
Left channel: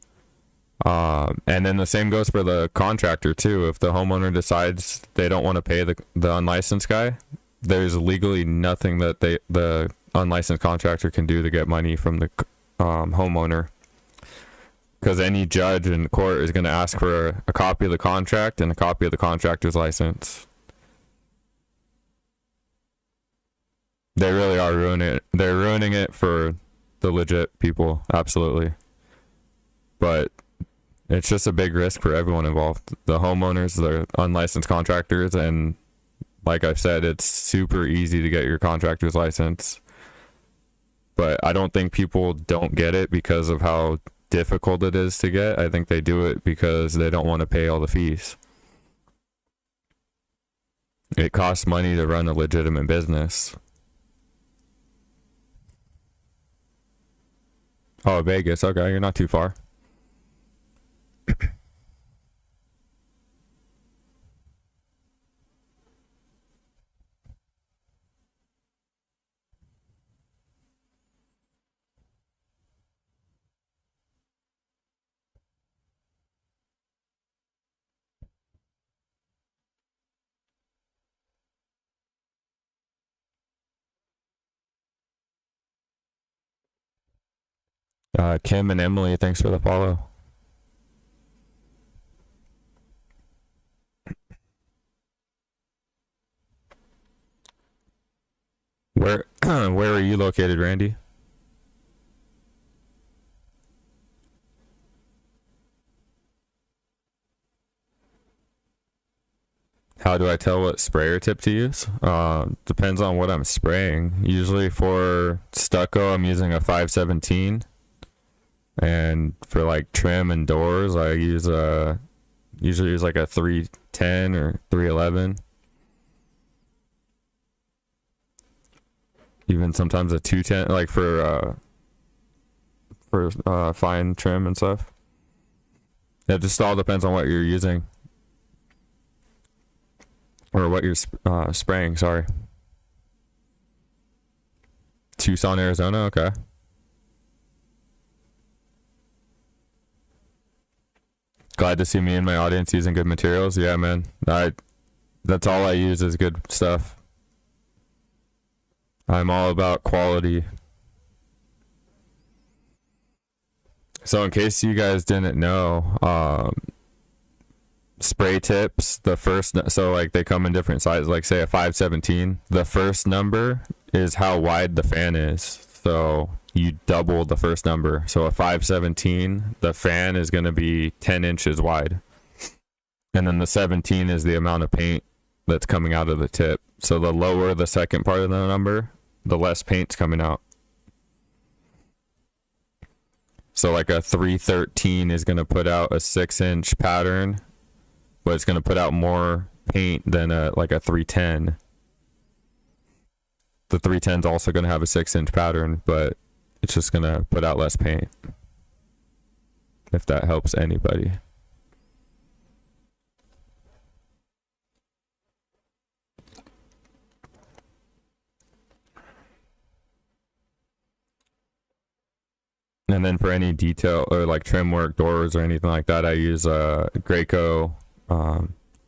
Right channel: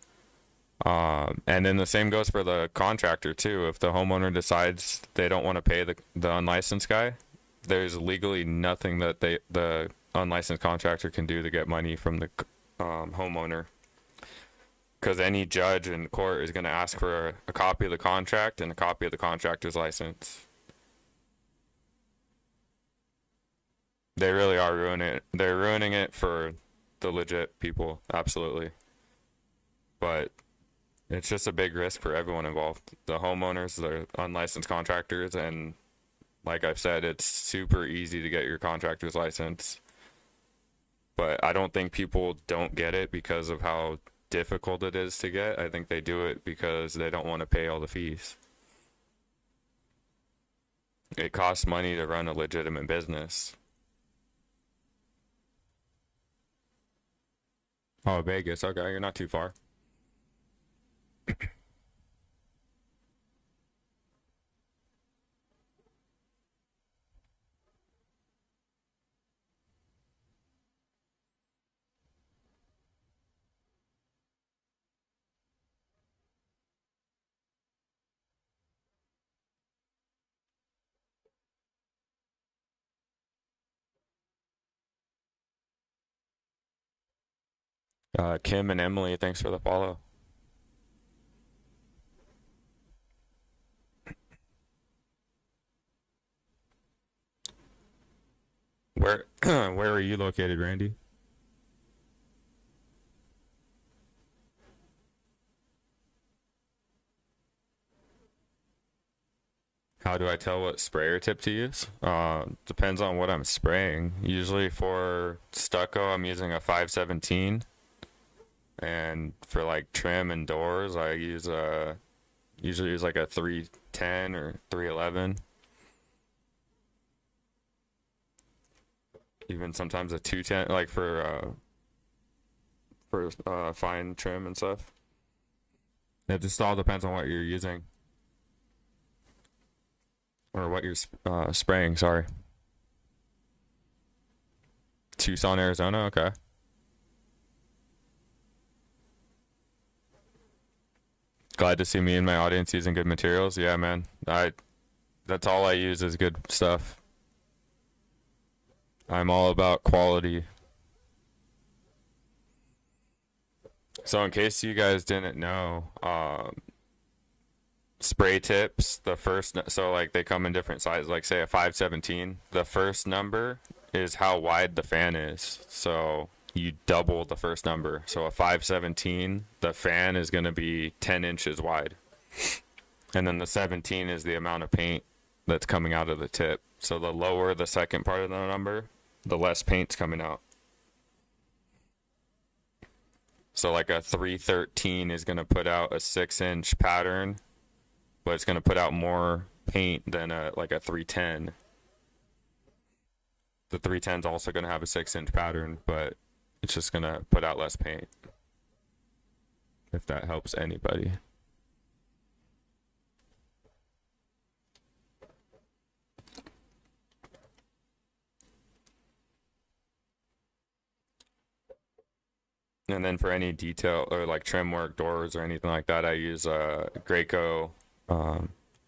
And then the same goes for the contractor too. If the homeowner decides they don't want to pay the unlicensed guy, there's legally nothing that the unlicensed contractor can do to get money from the homeowner. Because any judge in court is going to ask for a copy of the contract and a copy of the contractor's license. They really are ruining it. They're ruining it for the legit people, absolutely. But it's just a big risk for everyone involved. The homeowners, the unlicensed contractors, and like I've said, it's super easy to get your contractor's license. But I don't think people don't get it because of how difficult it is to get. I think they do it because they don't want to pay all the fees. It costs money to run a legitimate business. Oh, Vegas. Okay, you're not too far. Kim and Emily, thanks for the follow. Where where are you located, Randy? How do I tell what sprayer tip to use? Depends on what I'm spraying. Usually for stucco, I'm using a 517. And for like trim and doors, I usually use like a 310 or 311. Even sometimes a 210, like for fine trim and stuff. It just all depends on what you're using. Or what you're spraying, sorry. Tucson, Arizona, okay. Glad to see me and my audience using good materials. Yeah, man. That's all I use is good stuff. I'm all about quality. So in case you guys didn't know, spray tips, so like they come in different sizes, like say a 517, the first number is how wide the fan is. So you double the first number. So a 517, the fan is going to be 10 inches wide. And then the 17 is the amount of paint that's coming out of the tip. So the lower the second part of the number, the less paint's coming out. So like a 313 is going to put out a 6-inch pattern, but it's going to put out more paint than like a 310. The 310 is also going to have a 6-inch pattern, but it's just going to put out less paint. If that helps anybody. And then for any detail or like trim work, doors or anything like that, I use a Graco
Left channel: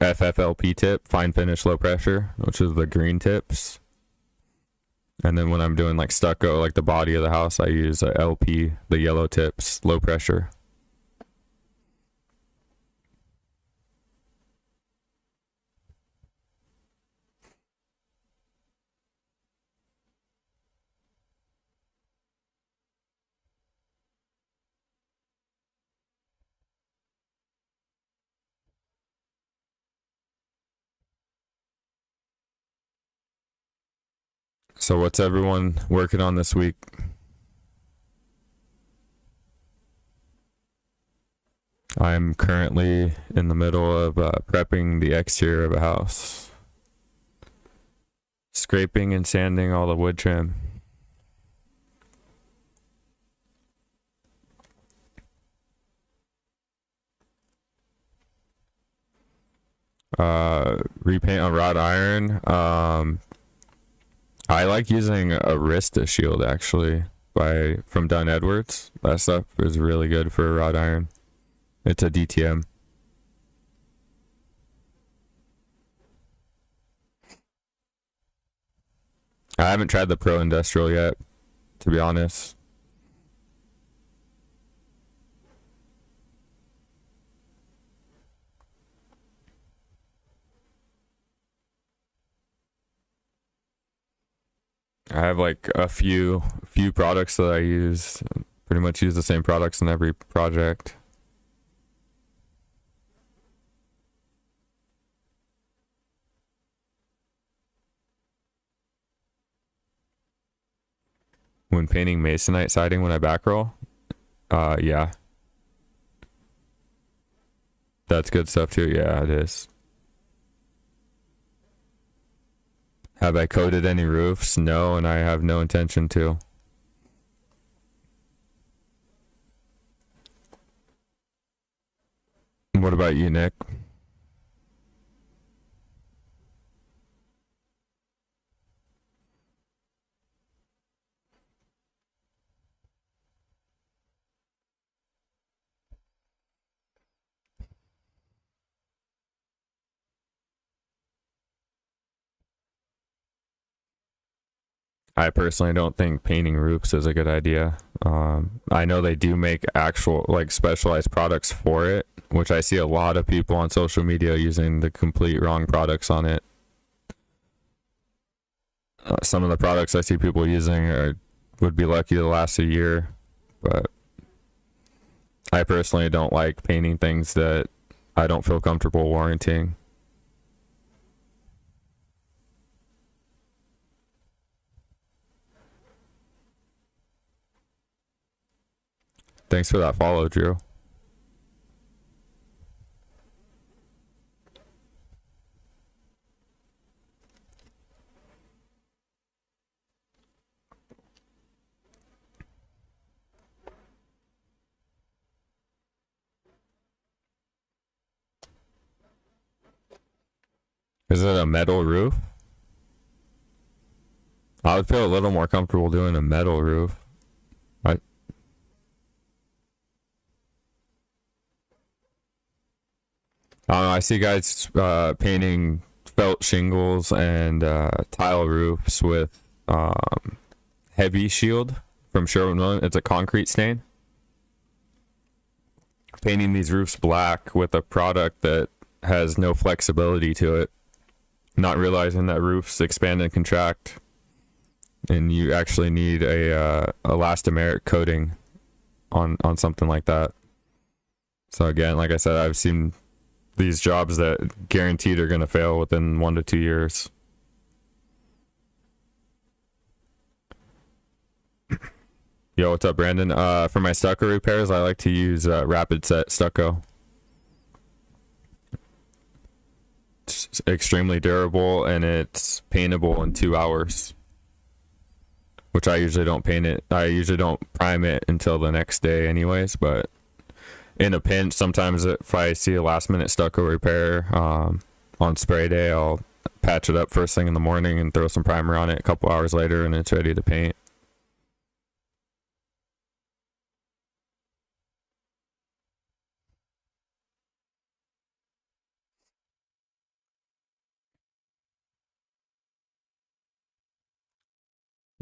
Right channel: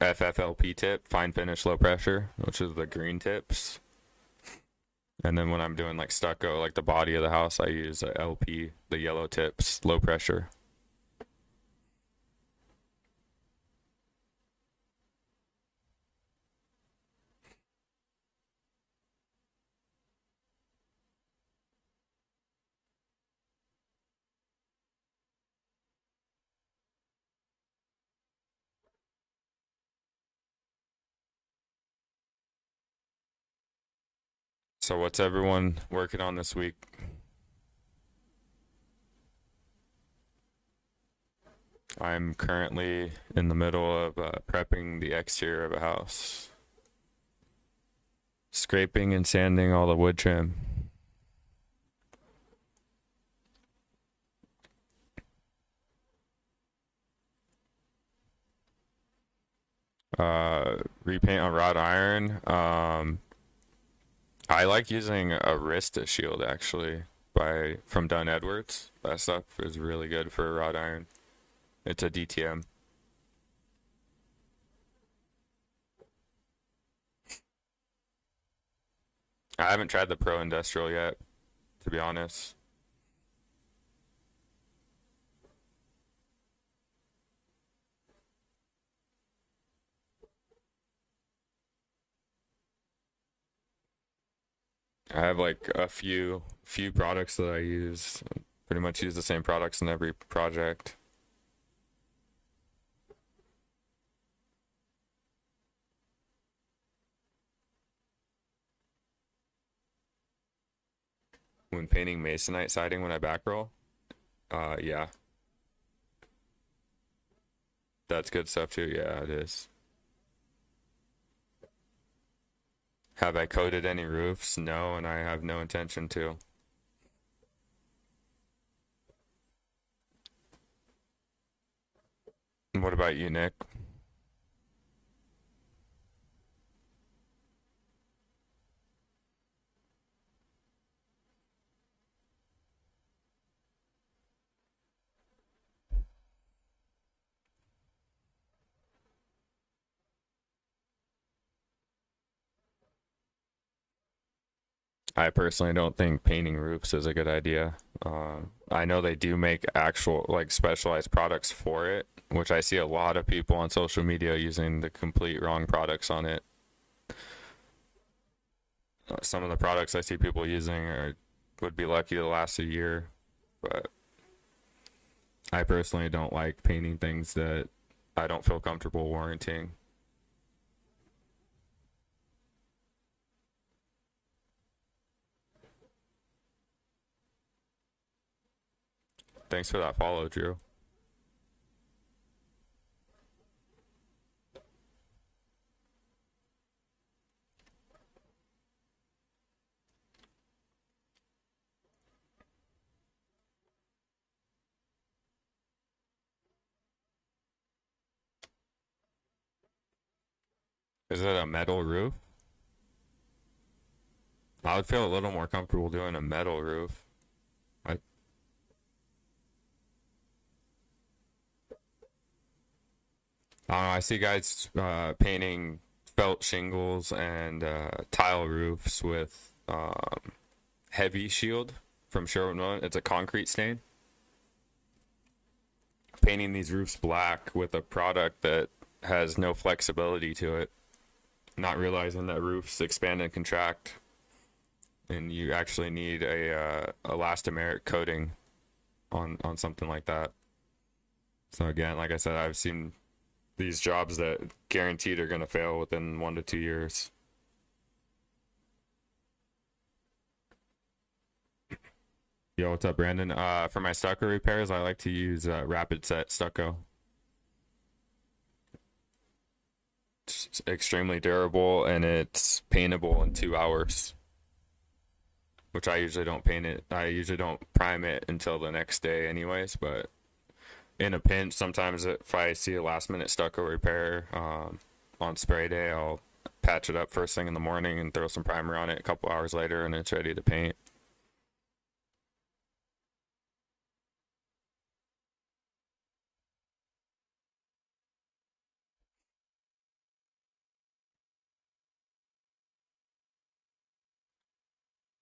FFLP tip, fine finish, low pressure, which is the green tips. And then when I'm doing like stucco, like the body of the house, I use a LP, the yellow tips, low pressure. So what's everyone working on this week? I'm currently in the middle of prepping the exterior of a house. Scraping and sanding all the wood trim. Repaint on wrought iron. I like using a Arista shield actually from Dunn Edwards. That stuff is really good for wrought iron. It's a DTM. I haven't tried the Pro Industrial yet, to be honest. I have like a few products that I use. Pretty much use the same products in every project. When painting masonite siding when I back roll, yeah. That's good stuff too. Yeah, it is. Have I coated any roofs? No, and I have no intention to. What about you, Nick? I personally don't think painting roofs is a good idea. I know they do make actual like specialized products for it, which I see a lot of people on social media using the complete wrong products on it. Some of the products I see people using would be lucky to last a year, but I personally don't like painting things that I don't feel comfortable warranting. Thanks for that follow, Drew. Is it a metal roof? I would feel a little more comfortable doing a metal roof. I see guys painting felt shingles and tile roofs with heavy shield from Sherwin-Williams. It's a concrete stain. Painting these roofs black with a product that has no flexibility to it. Not realizing that roofs expand and contract, and you actually need a elastomeric coating on something like that. So again, like I said, I've seen these jobs that guaranteed are going to fail within 1 to 2 years. Yo, what's up, Brandon? For my stucco repairs, I like to use rapid set stucco. It's extremely durable and it's paintable in 2 hours, which I usually don't paint it. I usually don't prime it until the next day anyways, but in a pinch, sometimes if I see a last minute stucco repair on spray day, I'll patch it up first thing in the morning and throw some primer on it a couple hours later and it's ready to paint.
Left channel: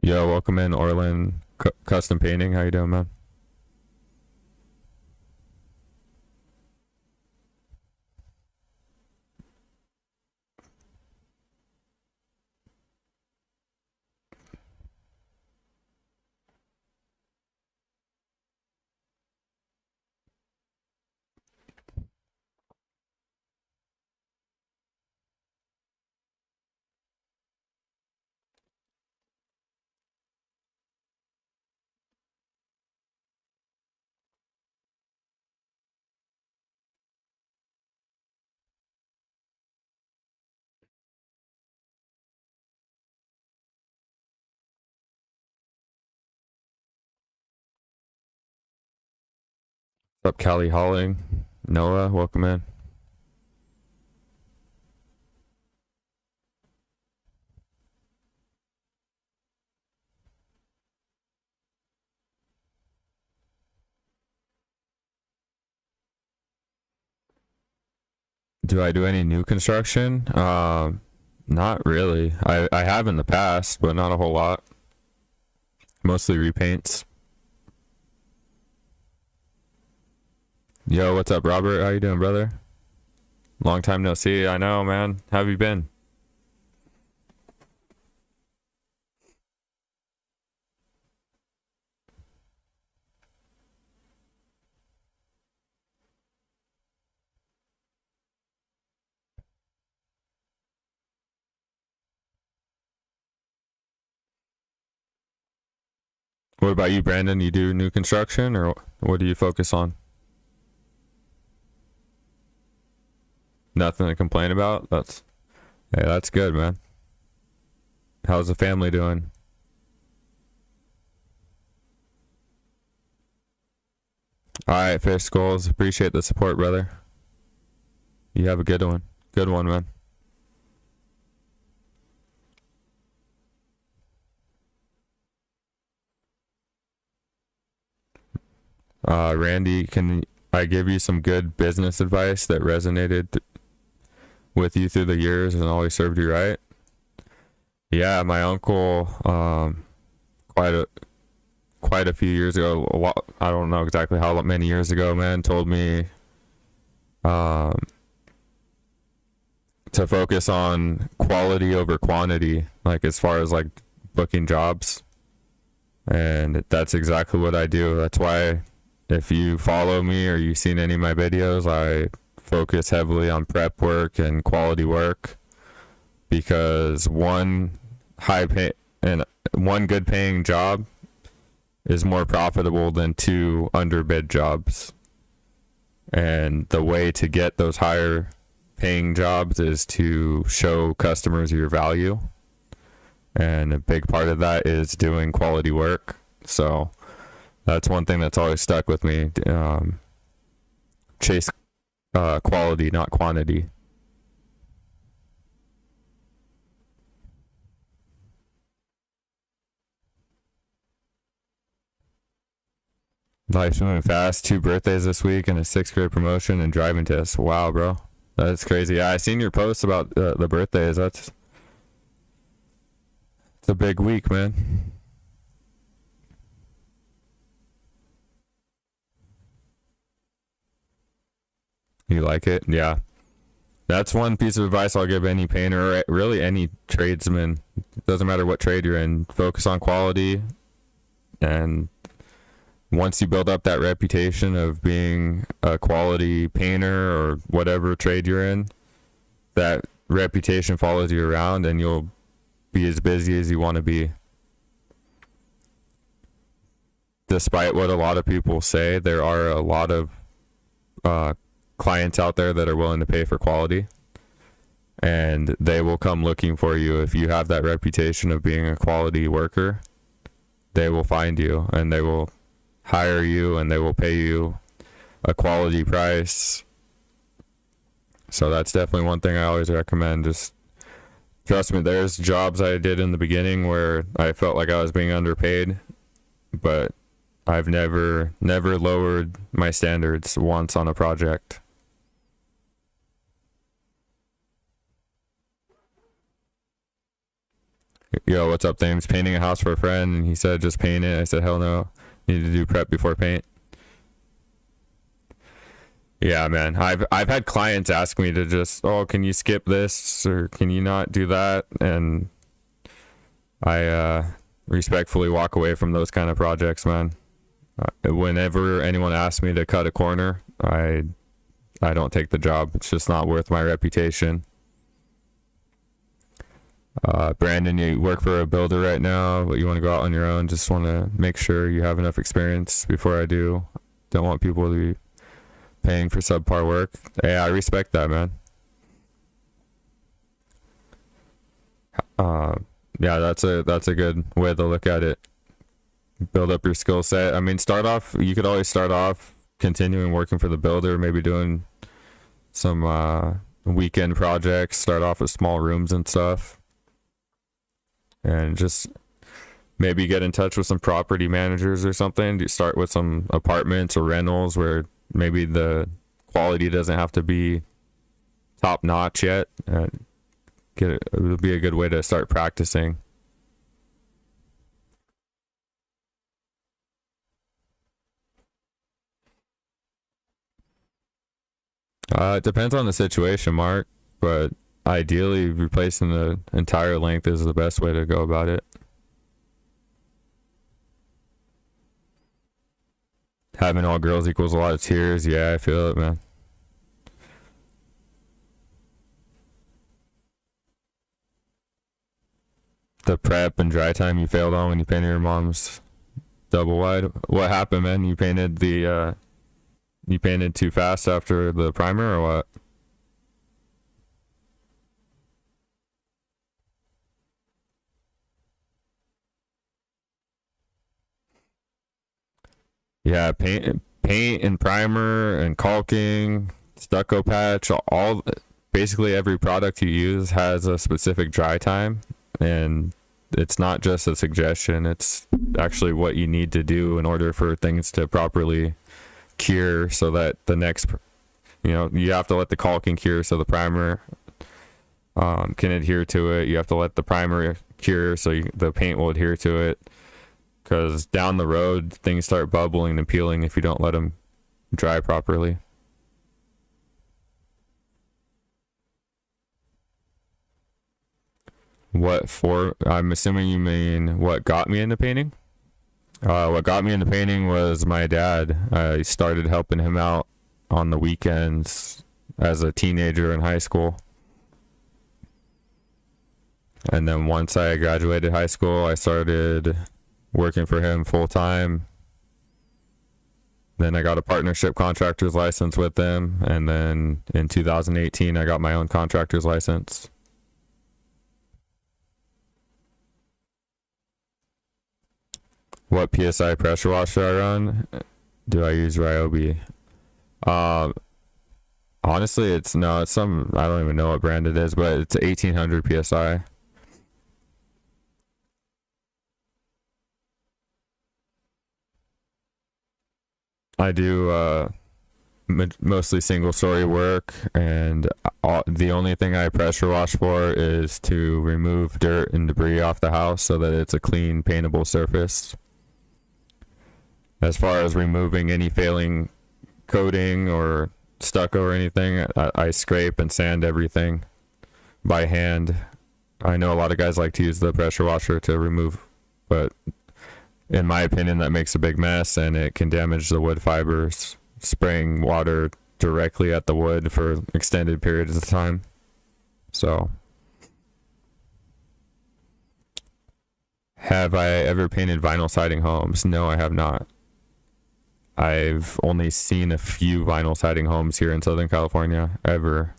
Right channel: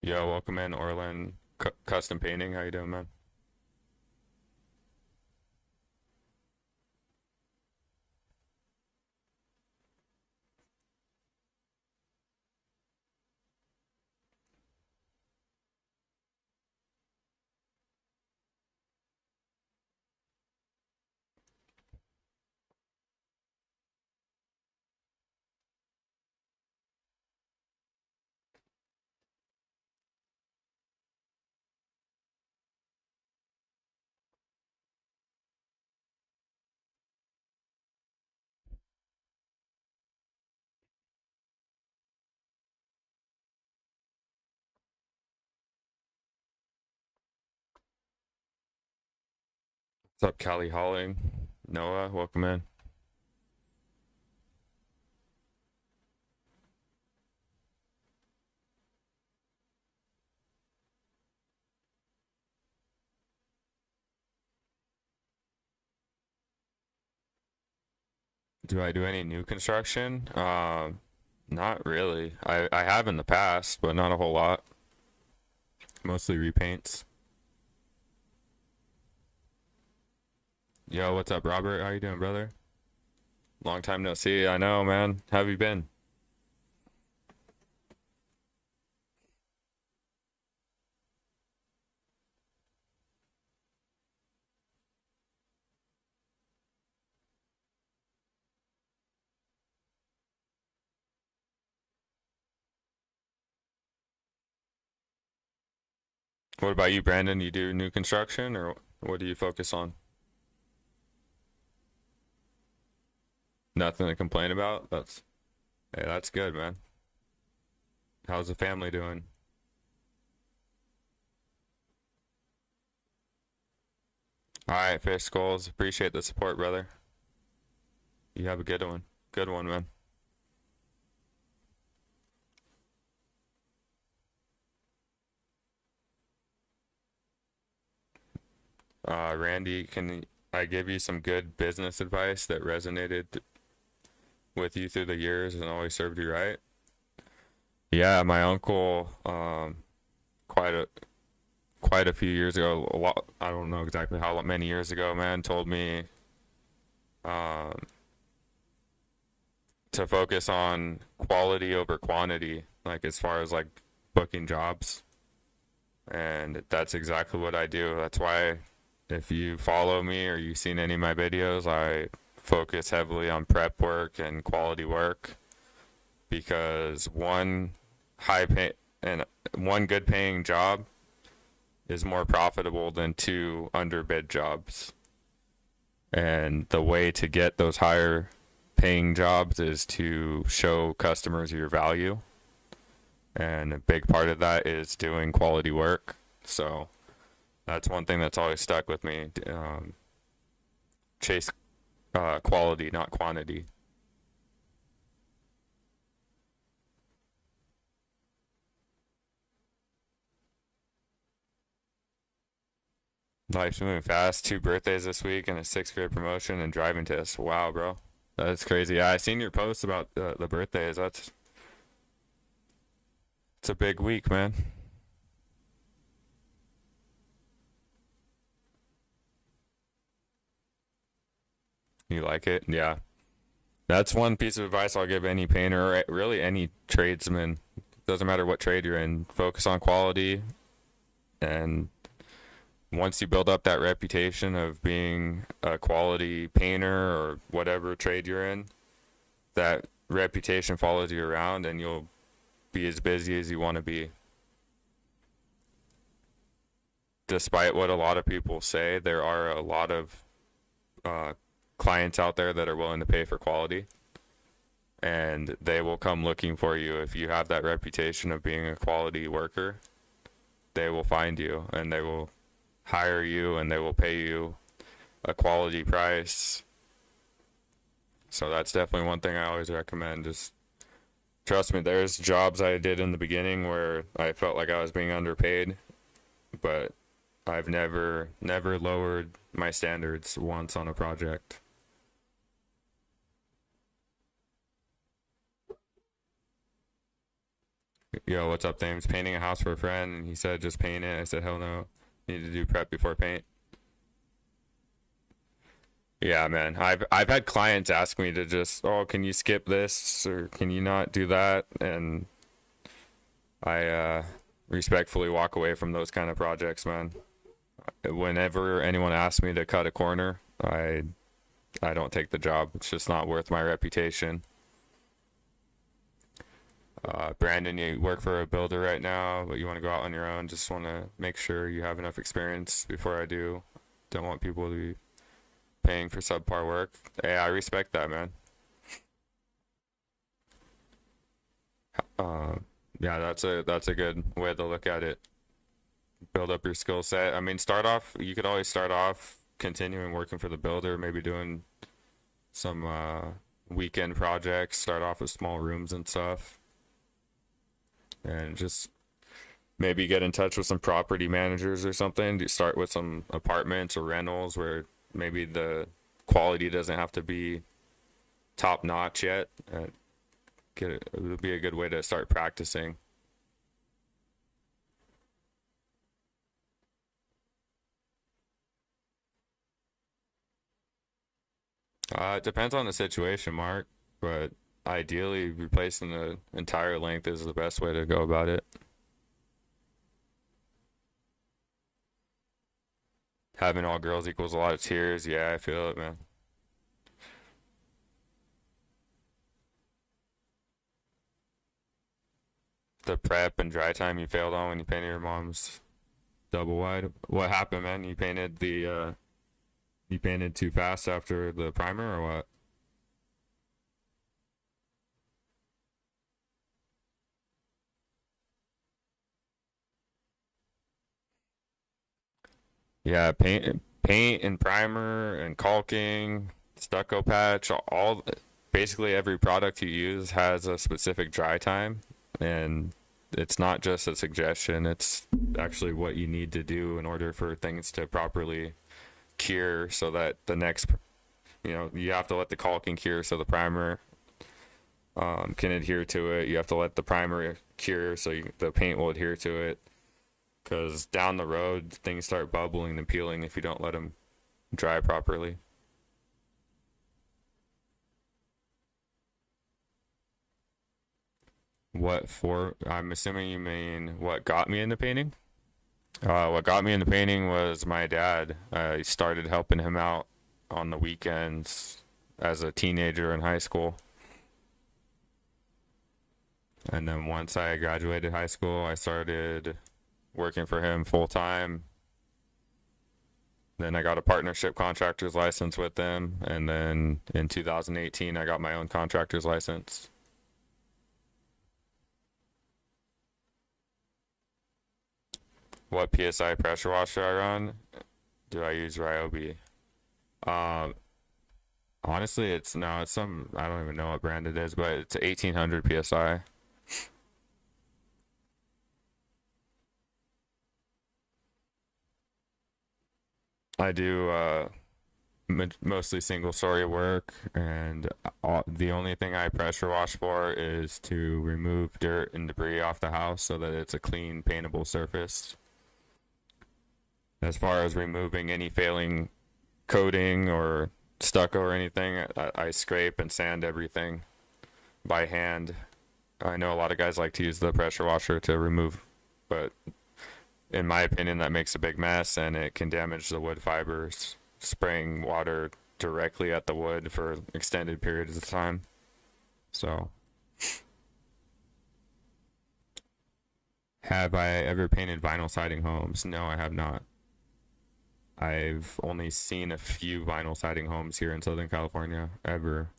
Yo, welcome in, Orland Custom Painting. How you doing, man? What's up, Callie Halling? Noah, welcome in. Do I do any new construction? Not really. I have in the past, but not a whole lot. Mostly repaints. Yo, what's up, Robert? How you doing, brother? Long time no see. I know, man. How have you been? What about you, Brandon? You do new construction, or what do you focus on? Nothing to complain about? Hey, that's good, man. How's the family doing? All right, Fish Skulls. Appreciate the support, brother. You have a good one. Good one, man. Randy, can I give you some good business advice that resonated with you through the years and always served you right? Yeah, my uncle, quite a quite a few years ago, a lot, I don't know exactly how many years ago, man, told me um, to focus on quality over quantity, like as far as like booking jobs. And that's exactly what I do. That's why if you follow me or you've seen any of my videos, I focus heavily on prep work and quality work, because one good paying job is more profitable than two underbid jobs. And the way to get those higher paying jobs is to show customers your value. And a big part of that is doing quality work. So that's one thing that's always stuck with me. Chase quality, not quantity. Life's moving fast. 2 birthdays this week and a 6th grade promotion and driving test. Wow, bro. That's crazy. Yeah, I seen your post about the birthdays. It's a big week, man. You like it? Yeah. That's one piece of advice I'll give any painter, or really any tradesman. Doesn't matter what trade you're in. Focus on quality, and once you build up that reputation of being a quality painter or whatever trade you're in, that reputation follows you around and you'll be as busy as you want to be. Despite what a lot of people say, there are a lot of clients out there that are willing to pay for quality, and they will come looking for you. If you have that reputation of being a quality worker, they will find you and they will hire you and they will pay you a quality price. So that's definitely one thing I always recommend. Just trust me, there's jobs I did in the beginning where I felt like I was being underpaid, but I've never lowered my standards once on a project. Yo, what's up, Thames? Painting a house for a friend, and he said just paint it. I said hell no, need to do prep before paint. Yeah, man. I've had clients ask me to just, oh, can you skip this or can you not do that? And I respectfully walk away from those kind of projects, man. Whenever anyone asks me to cut a corner, I don't take the job. It's just not worth my reputation. Brandon, you work for a builder right now, but you want to go out on your own. Just want to make sure you have enough experience before I do. Don't want people to be paying for subpar work. Hey, I respect that, man. Yeah, that's a good way to look at it. Build up your skill set. I mean, start off. You could always start off continuing working for the builder, maybe doing some weekend projects. Start off with small rooms and stuff, and just maybe get in touch with some property managers or something. Start with some apartments or rentals where maybe the quality doesn't have to be top notch yet. It would be a good way to start practicing. It depends on the situation, Mark, but ideally replacing the entire length is the best way to go about it. Having all girls equals a lot of tears. Yeah, I feel it, man. The prep and dry time you failed on when you painted your mom's double wide. What happened, man? You painted too fast after the primer or what? Yeah, paint and primer and caulking, stucco patch, all basically every product you use has a specific dry time, and it's not just a suggestion, it's actually what you need to do in order for things to properly cure so that the next, you have to let the caulking cure so the primer can adhere to it. You have to let the primer cure so the paint will adhere to it, because down the road things start bubbling and peeling if you don't let them dry properly. I'm assuming you mean what got me into painting. What got me into painting was my dad. I started helping him out on the weekends as a teenager in high school. And then once I graduated high school, I started working for him full time. Then I got a partnership contractor's license with them. And then in 2018, I got my own contractor's license. What PSI pressure washer I run? Do I use Ryobi? Um, Honestly, it's some, I don't even know what brand it is, but it's 1800 PSI. I do mostly single story work, and the only thing I pressure wash for is to remove dirt and debris off the house so that it's a clean paintable surface. As far as removing any failing coating or stucco or anything, I scrape and sand everything by hand. I know a lot of guys like to use the pressure washer to remove, but in my opinion, that makes a big mess and it can damage the wood fibers, spraying water directly at the wood for extended periods of time. So, have I ever painted vinyl siding homes? No, I have not. I've only seen a few vinyl siding homes here in Southern California ever.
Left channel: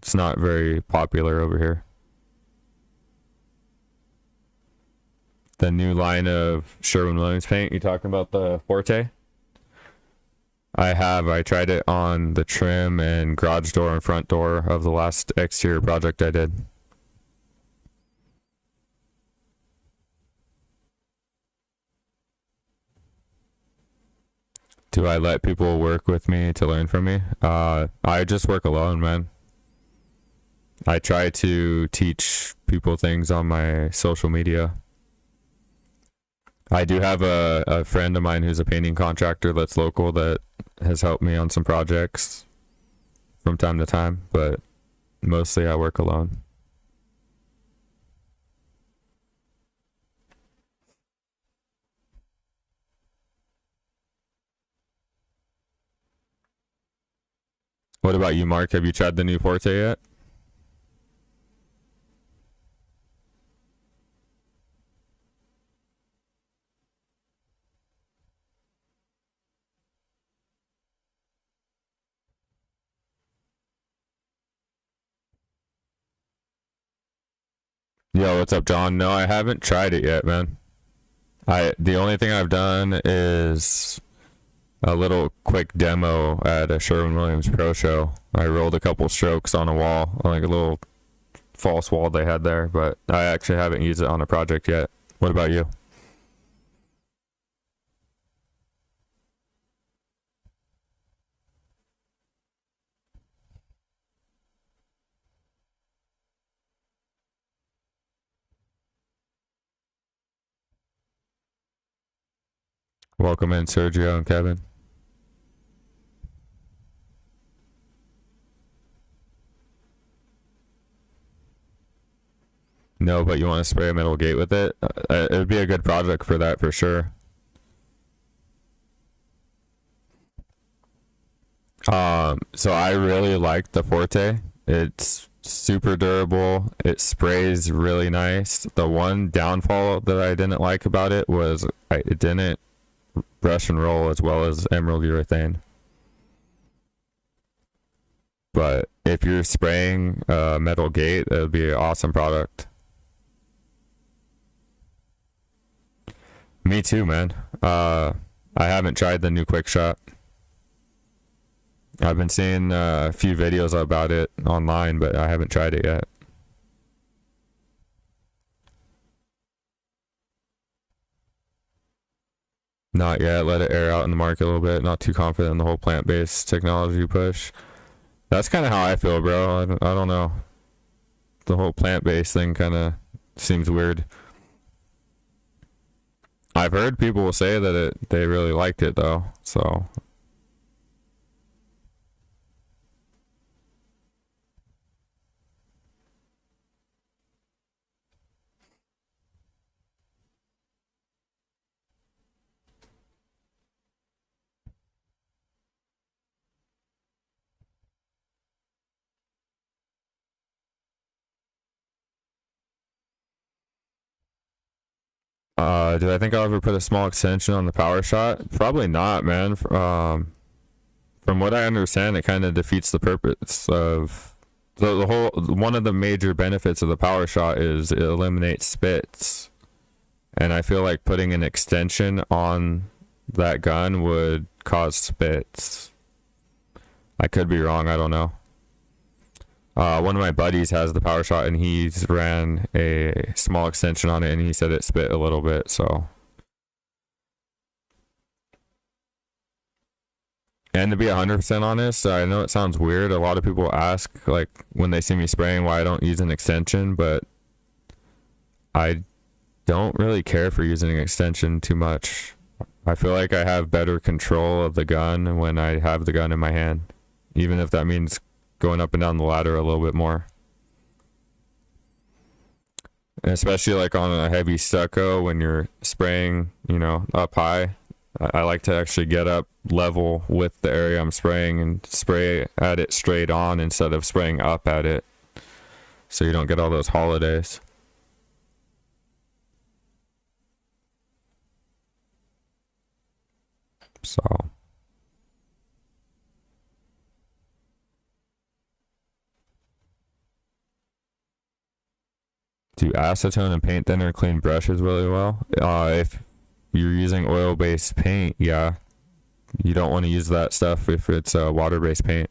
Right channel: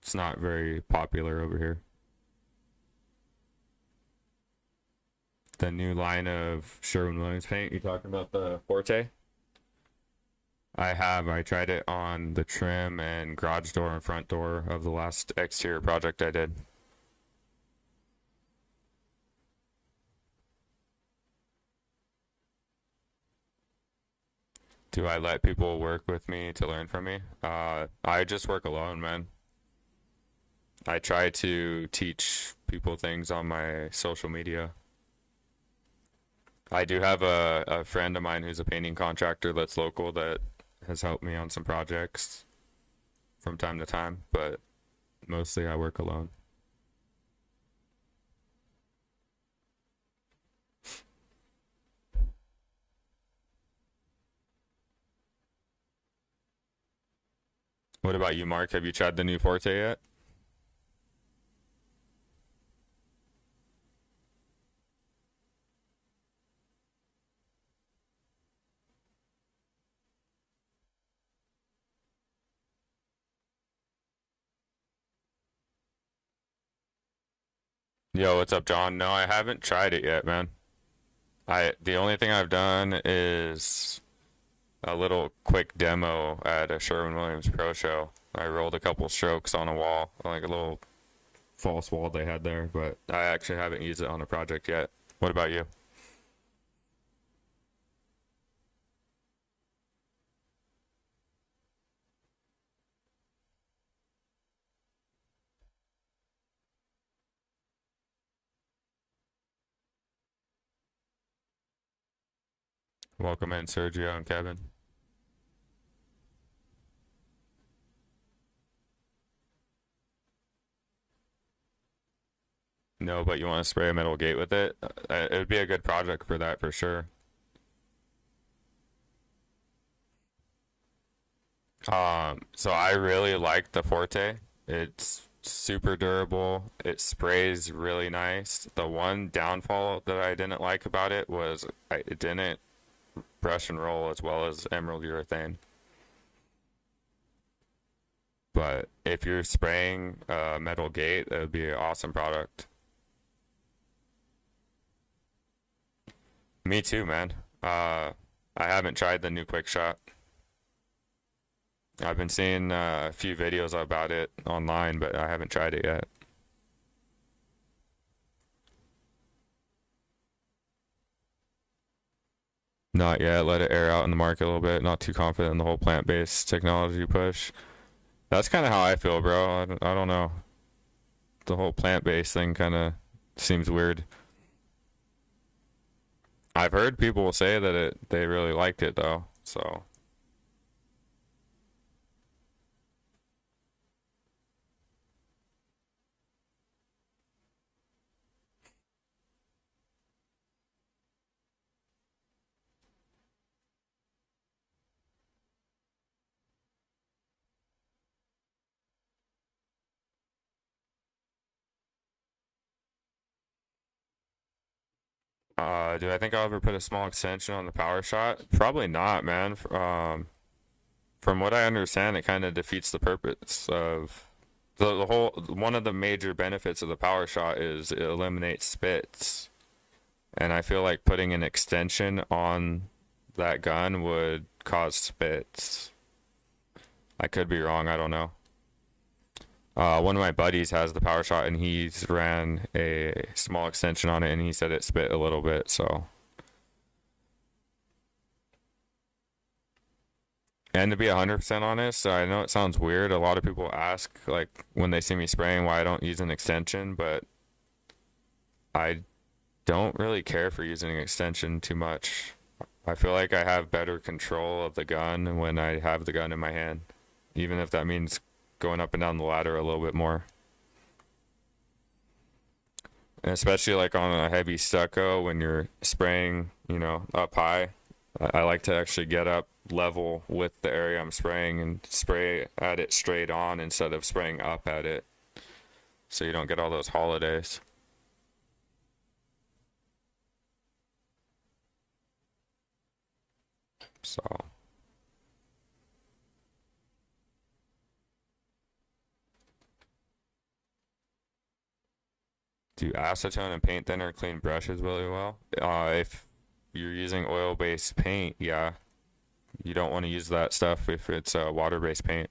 It's not very popular over here. The new line of Sherwin-Williams paint, you talking about the Forte? I have. I tried it on the trim and garage door and front door of the last exterior project I did. Do I let people work with me to learn from me? I just work alone, man. I try to teach people things on my social media. I do have a friend of mine who's a painting contractor that's local that has helped me on some projects from time to time, but mostly I work alone. What about you, Mark? Have you tried the new Forte yet? Yo, what's up, John? No, I haven't tried it yet, man. The only thing I've done is a little quick demo at a Sherwin-Williams Pro Show. I rolled a couple strokes on a wall, like a little false wall they had there, but I actually haven't used it on a project yet. What about you? Welcome in, Sergio and Kevin. No, but you want to spray a metal gate with it? It would be a good project for that for sure. So I really like the Forte. It's super durable. It sprays really nice. The one downfall that I didn't like about it was it didn't brush and roll as well as emerald urethane. But if you're spraying a metal gate, it would be an awesome product. Me too, man. I haven't tried the new Quick Shot. I've been seeing a few videos about it online, but I haven't tried it yet. Not yet. Let it air out in the market a little bit. Not too confident in the whole plant-based technology push. That's kind of how I feel, bro. I don't know. The whole plant-based thing kind of seems weird. I've heard people say that they really liked it though, so do I think I'll ever put a small extension on the power shot? Probably not, man. From what I understand, it kind of defeats the purpose of the whole. One of the major benefits of the power shot is it eliminates spits, and I feel like putting an extension on that gun would cause spits. I could be wrong. I don't know. One of my buddies has the power shot and he's ran a small extension on it and he said it spit a little bit. So, and to be 100% honest, I know it sounds weird. A lot of people ask, like, when they see me spraying, why I don't use an extension, but I don't really care for using an extension too much. I feel like I have better control of the gun when I have the gun in my hand, even if that means going up and down the ladder a little bit more. And especially like on a heavy stucco when you're spraying, up high. I like to actually get up level with the area I'm spraying and spray at it straight on instead of spraying up at it, so you don't get all those holidays. So do acetone and paint thinner clean brushes really well? If you're using oil-based paint, yeah, you don't want to use that stuff if it's water-based paint.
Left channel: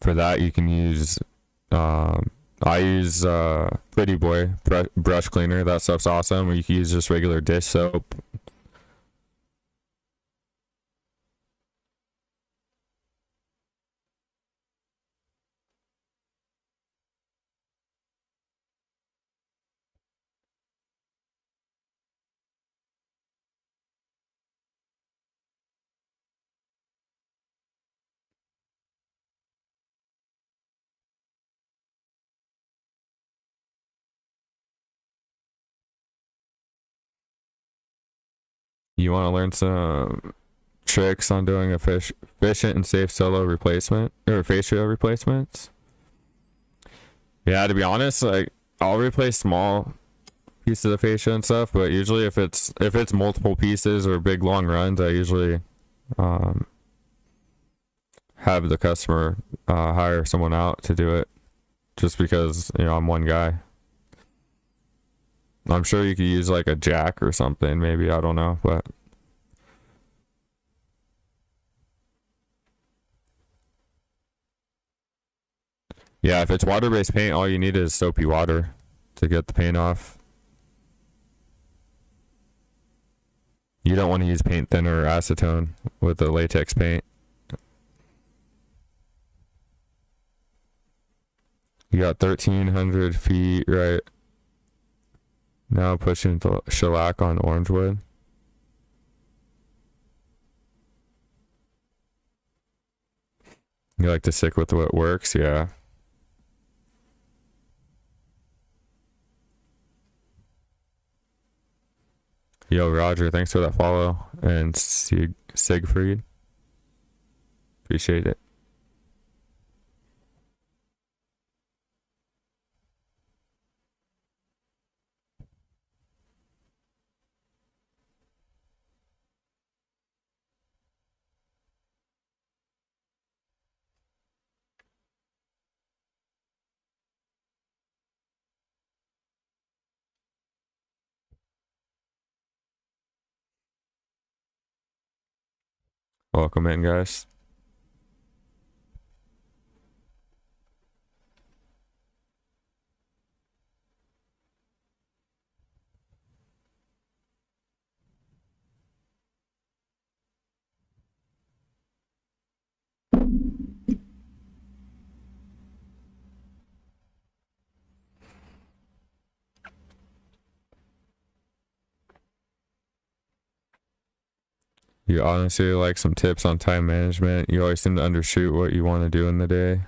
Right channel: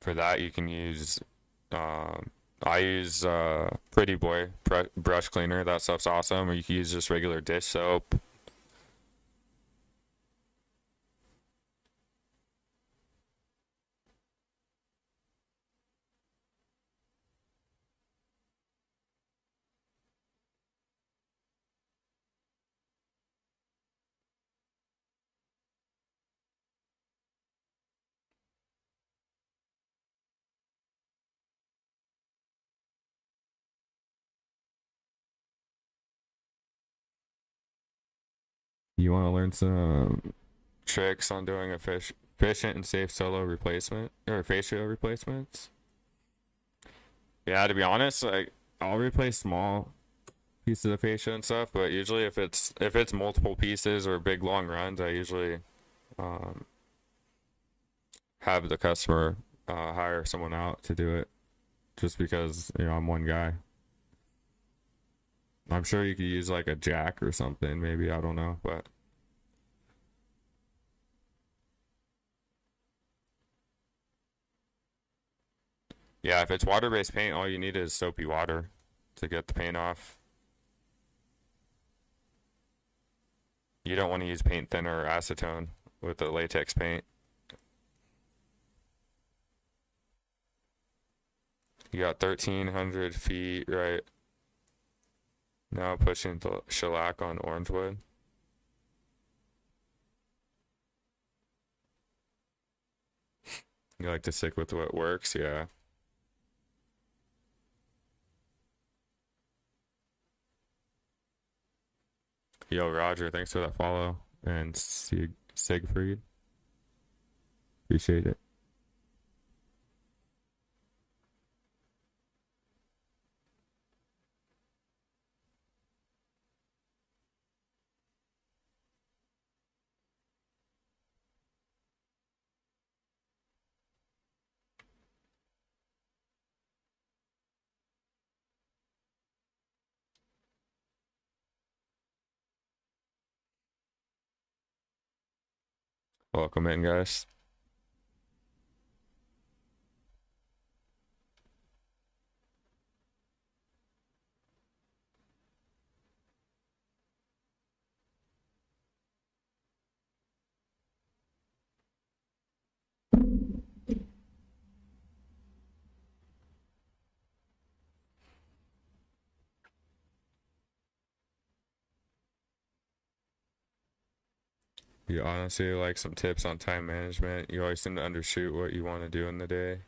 For that, you can use I use Pretty Boy brush cleaner. That stuff's awesome. Or you can use just regular dish soap. You want to learn some tricks on doing efficient and safe solo replacement or fascia replacements? Yeah, to be honest, like I'll replace small pieces of fascia and stuff, but usually if it's multiple pieces or big long runs, I usually um, have the customer hire someone out to do it, just because I'm one guy. I'm sure you could use like a jack or something, maybe, I don't know, but yeah, if it's water-based paint, all you need is soapy water to get the paint off. You don't want to use paint thinner or acetone with the latex paint. You got 1,300 feet right now, pushing the shellac on Orangewood. You like to stick with what works, yeah. Yo, Roger, thanks for that follow. And Siegfried. Appreciate it. Welcome in, guys. You honestly like some tips on time management. You always seem to undershoot what you want to do in the day.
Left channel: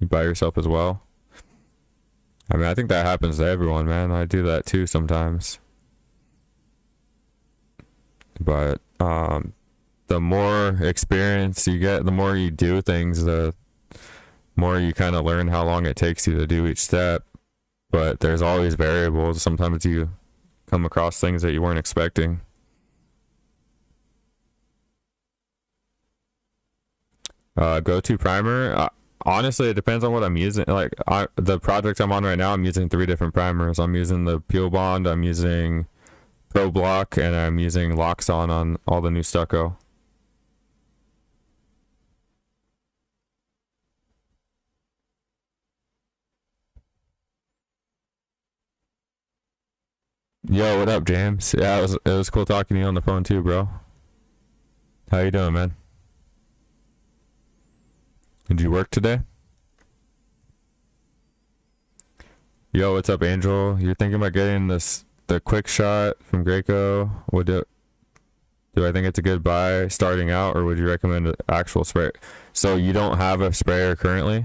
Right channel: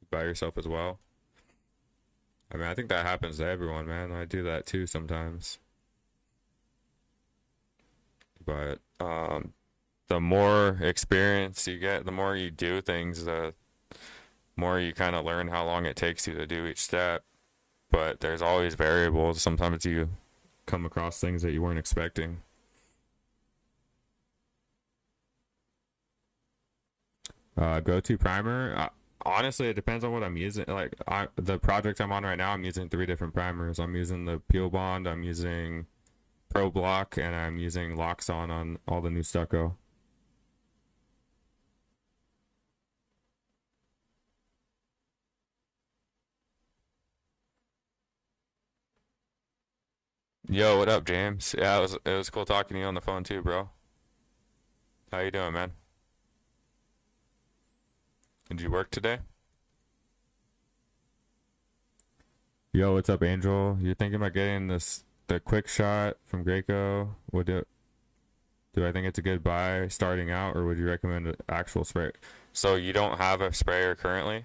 You by yourself as well. I mean, I think that happens to everyone, man. I do that too sometimes. But the more experience you get, the more you do things, the more you kind of learn how long it takes you to do each step. But there's always variables. Sometimes you come across things that you weren't expecting. Go-to primer. Honestly, it depends on what I'm using. Like the project I'm on right now, I'm using 3 different primers. I'm using the Peel Bond, I'm using Pro Block, and I'm using Loxon on all the new stucco. Yo, what up, James? Yeah, it was cool talking to you on the phone too, bro. How you doing, man? Did you work today? Yo, what's up, Angel? You're thinking about getting the quick shot from Graco? Do I think it's a good buy starting out, or would you recommend an actual spray? So you don't have a sprayer currently?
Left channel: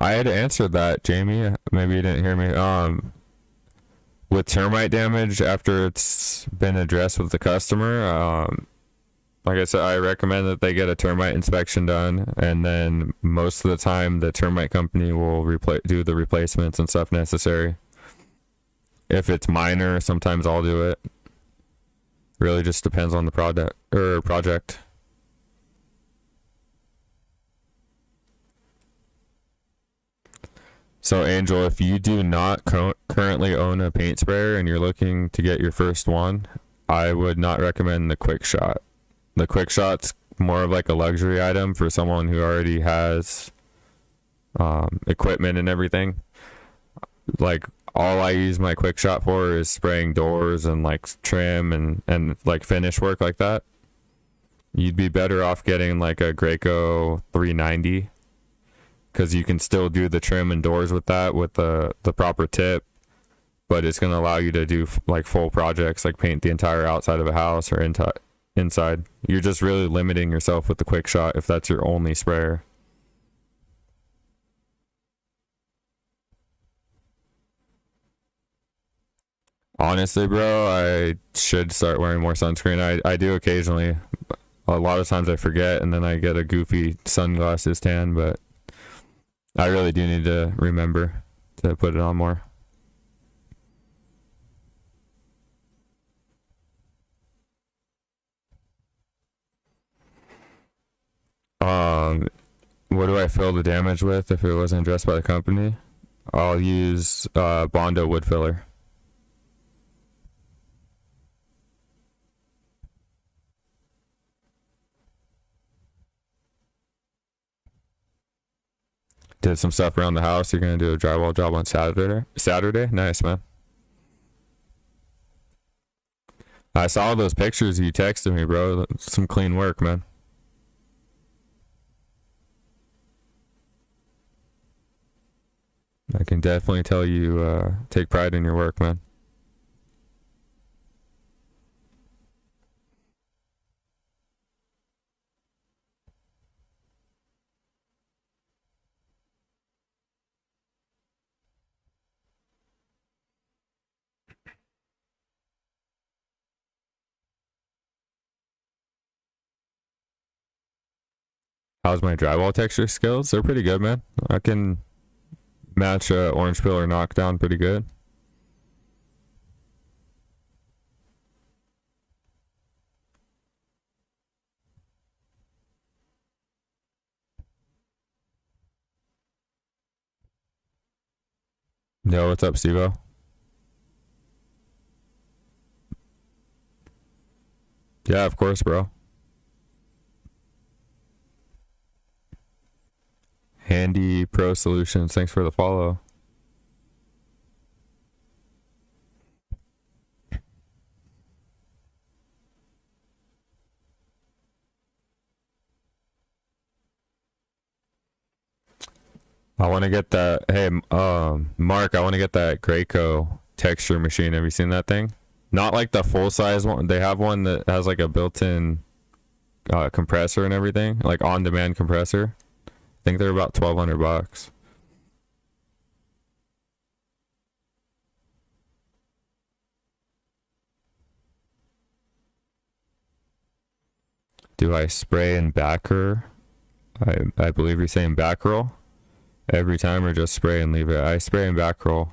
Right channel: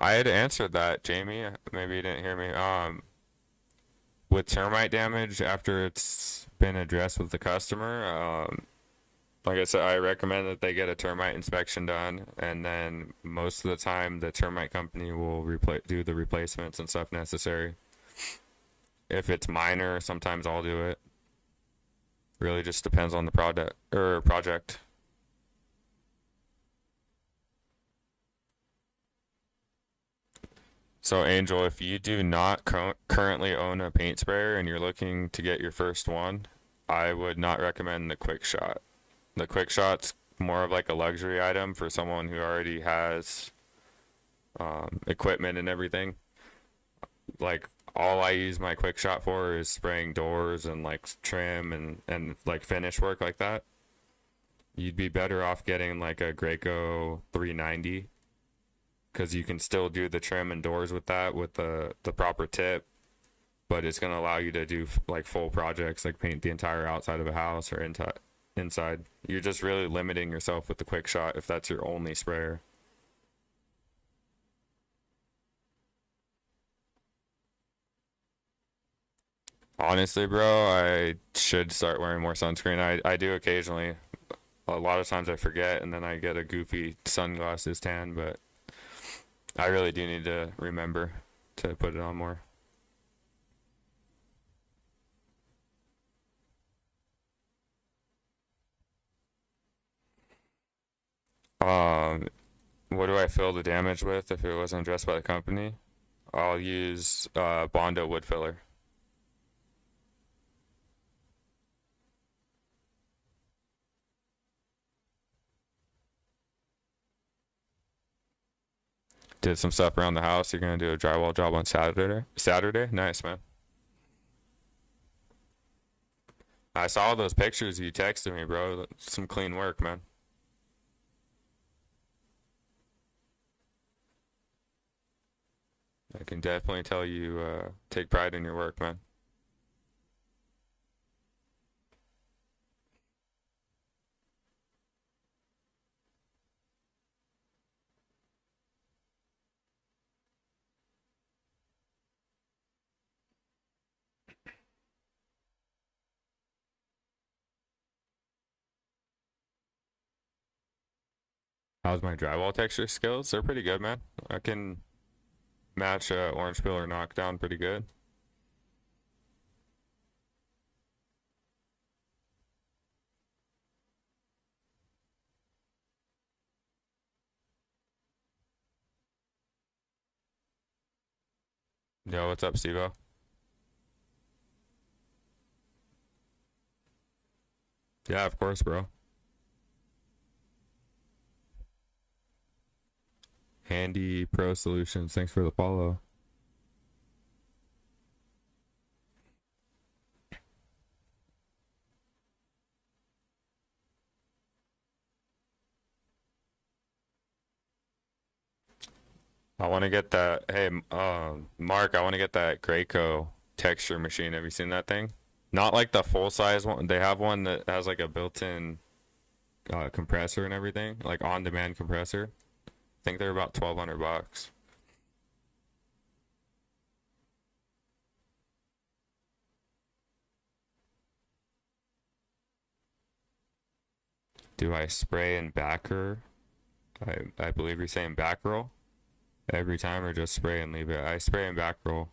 I had answered that, Jamie. Maybe you didn't hear me. With termite damage after it's been addressed with the customer, like I said, I recommend that they get a termite inspection done, and then most of the time the termite company will do the replacements and stuff necessary. If it's minor, sometimes I'll do it. Really just depends on the product or project. So Angel, if you do not currently own a paint sprayer and you're looking to get your first one, I would not recommend the quick shot. The quick shot's more of like a luxury item for someone who already has equipment and everything. Like all I use my quick shot for is spraying doors and like trim and like finish work like that. You'd be better off getting like a Graco 390, because you can still do the trim and doors with that with the proper tip, but it's going to allow you to do like full projects, like paint the entire outside of a house or inside. You're just really limiting yourself with the quick shot if that's your only sprayer. Honestly, bro, I should start wearing more sunscreen. I do occasionally. A lot of times I forget and then I get a goofy sunglasses tan, but I really do need to remember to put it on more. Um, what do I fill the damage with if it wasn't addressed by the company? I'll use Bondo wood filler. Did some stuff around the house. You're gonna do a drywall job on Saturday. Saturday, nice, man. I saw those pictures you texted me, bro. Some clean work, man. I can definitely tell you take pride in your work, man. How's my drywall texture skills? They're pretty good, man. I can match a orange peel or knockdown pretty good. Yo, what's up, Stevo? Yeah, of course, bro. Handy Pro Solutions, thanks for the follow. I want to get that. Hey, Mark, I want to get that Graco texture machine. Have you seen that thing? Not like the full size one. They have one that has like a built-in compressor and everything, like on-demand compressor. I think they're about $1,200. Do I spray and backer? I believe you're saying back roll every time, or just spray and leave it. I spray and back roll.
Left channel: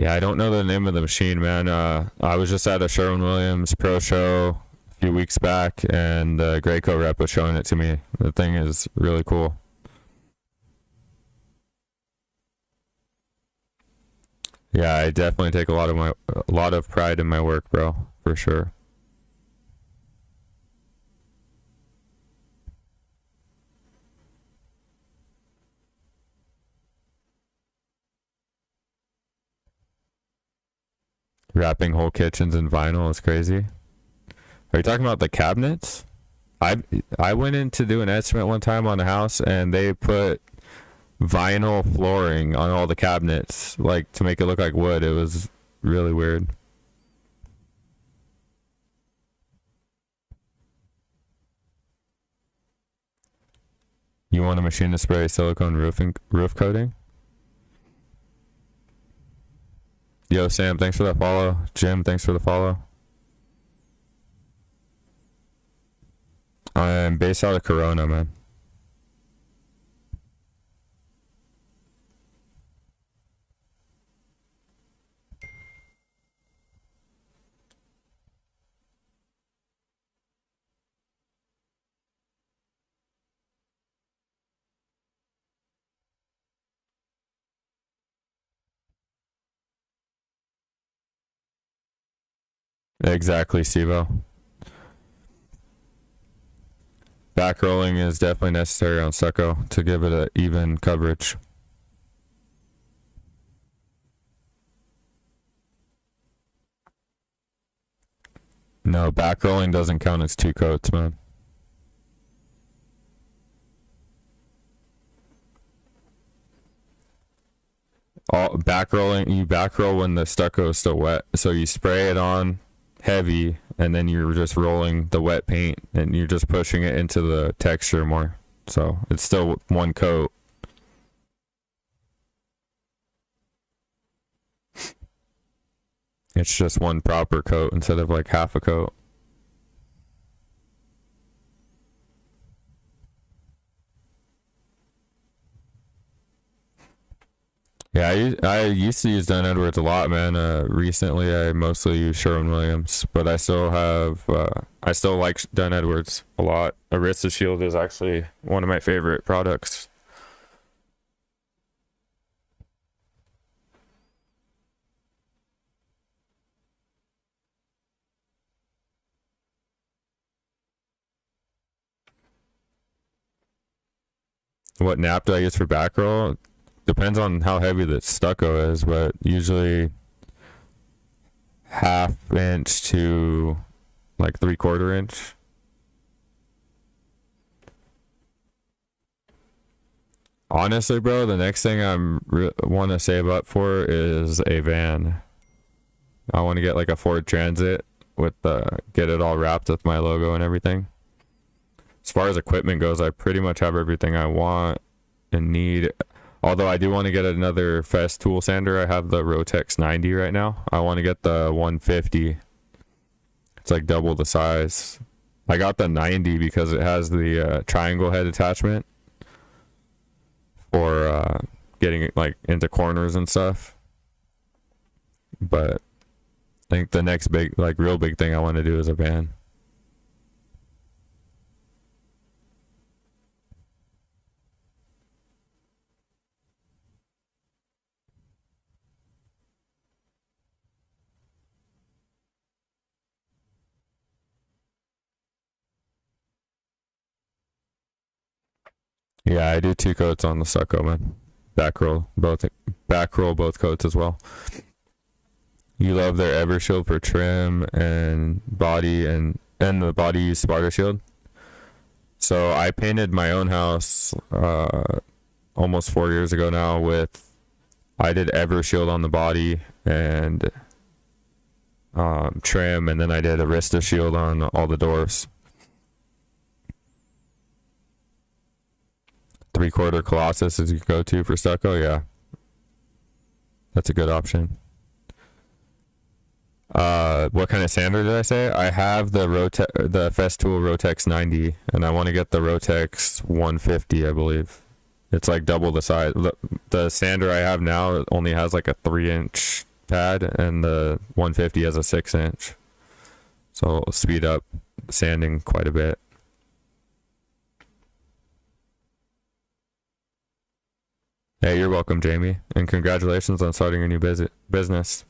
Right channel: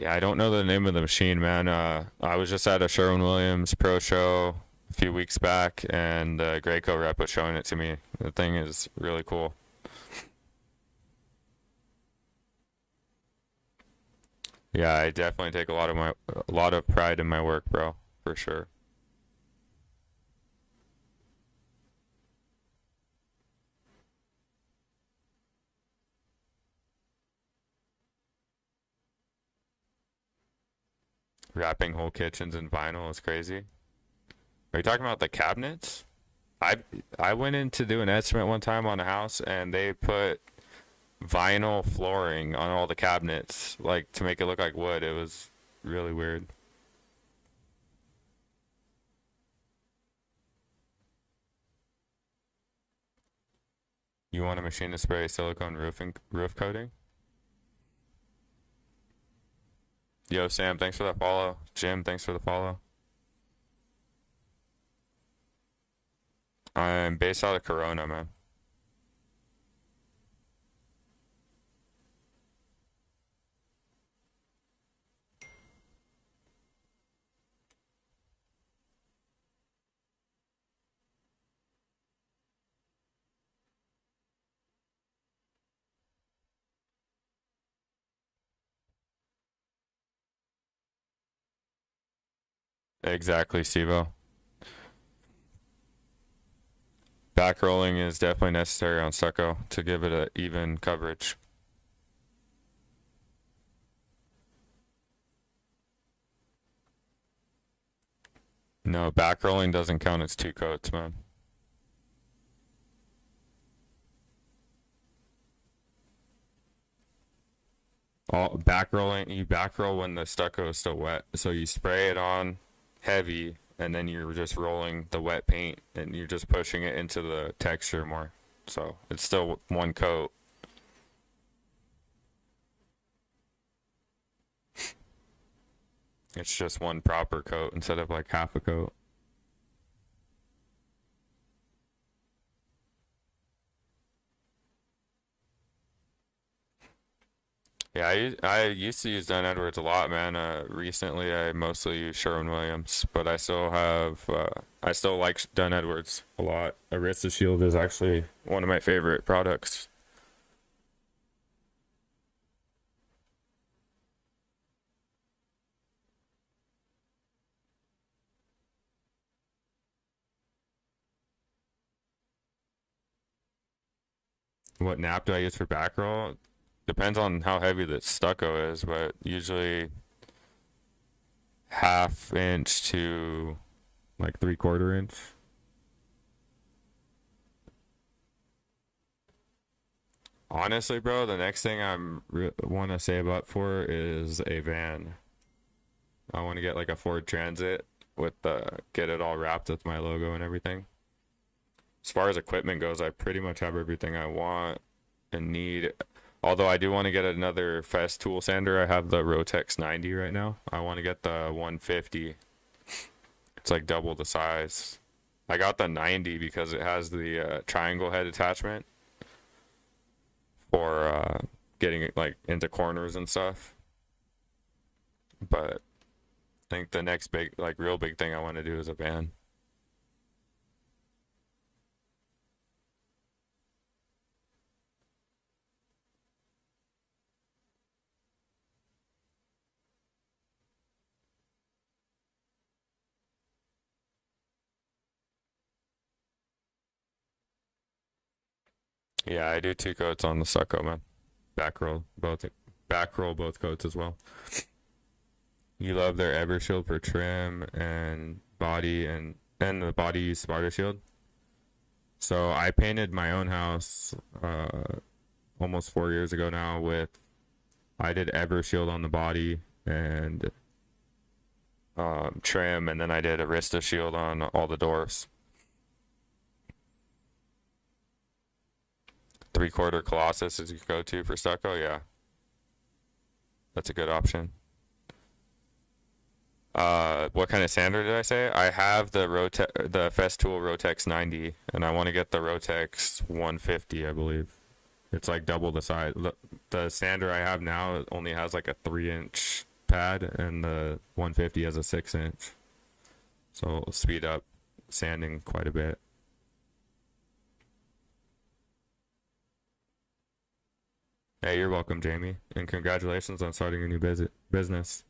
Yeah, I don't know the name of the machine, man. I was just at a Sherwin-Williams Pro Show a few weeks back, and the Graco rep was showing it to me. The thing is really cool. Yeah, I definitely take a lot of pride in my work, bro, for sure. Wrapping whole kitchens in vinyl is crazy. Are you talking about the cabinets? I I went in to do an estimate one time on a house, and they put vinyl flooring on all the cabinets, like to make it look like wood. It was really weird. You want a machine to spray silicone roof coating? Yo, Sam, thanks for that follow. Jim, thanks for the follow. I'm based out of Corona, man. Exactly, Stevo. Back rolling is definitely necessary on stucco to give it an even coverage. No, back rolling doesn't count as 2 coats, man. All back rolling, you back roll when the stucco is still wet. So you spray it on heavy and then you're just rolling the wet paint and you're just pushing it into the texture more. So it's still 1 coat. It's just 1 proper coat instead of like half a coat. Yeah, I used to use Dunn Edwards a lot, man. Recently I mostly use Sherwin-Williams, but I still have I still like Dunn Edwards a lot. Arista Shield is actually one of my favorite products. What nap do I use for back roll? Depends on how heavy the stucco is, but usually 1/2 inch to like 3/4 inch. Honestly, bro, the next thing want to save up for is a van. I want to get like a Ford Transit with get it all wrapped with my logo and everything. As far as equipment goes, I pretty much have everything I want and need. Although I do want to get another Fest tool sander. I have the Rotex 90 right now. I want to get the 150. It's like double the size. I got the 90 because it has the triangle head attachment for getting it like into corners and stuff. But I think the next big, like real big thing I want to do is a van. Yeah, I do 2 coats on the stucco, man. Back roll both coats as well. You love their Evershield for trim and body and the body use Sparta Shield. So I painted my own house almost 4 years ago now I did Evershield on the body and trim, and then I did Arista Shield on all the doors. 3/4 Colossus is your go-to for stucco. Yeah, that's a good option. What kind of sander did I say? I have the Festool Rotex 90, and I want to get the Rotex 150, I believe. It's like double the size. The sander I have now only has like a 3-inch pad, and the 150 has a 6-inch. So it'll speed up sanding quite a bit. Hey, you're welcome, Jamie, and congratulations on starting your new business.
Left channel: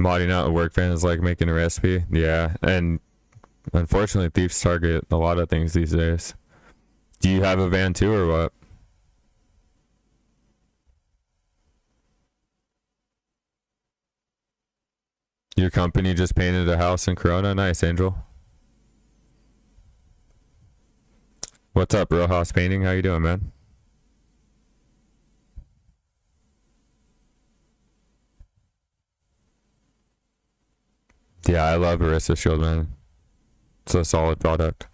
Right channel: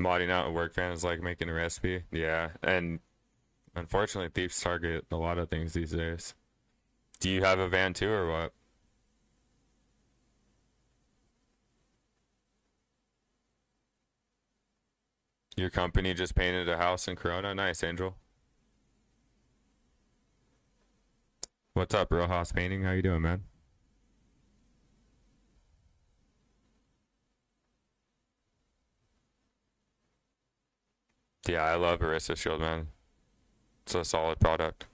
Modding out a work van is like making a recipe. Yeah, and unfortunately, thieves target a lot of things these days. Do you have a van too, or what? Your company just painted a house in Corona? Nice, Angel. What's up, Rojas Painting? How you doing, man? Yeah, I love Arista Shield, man. It's a solid product.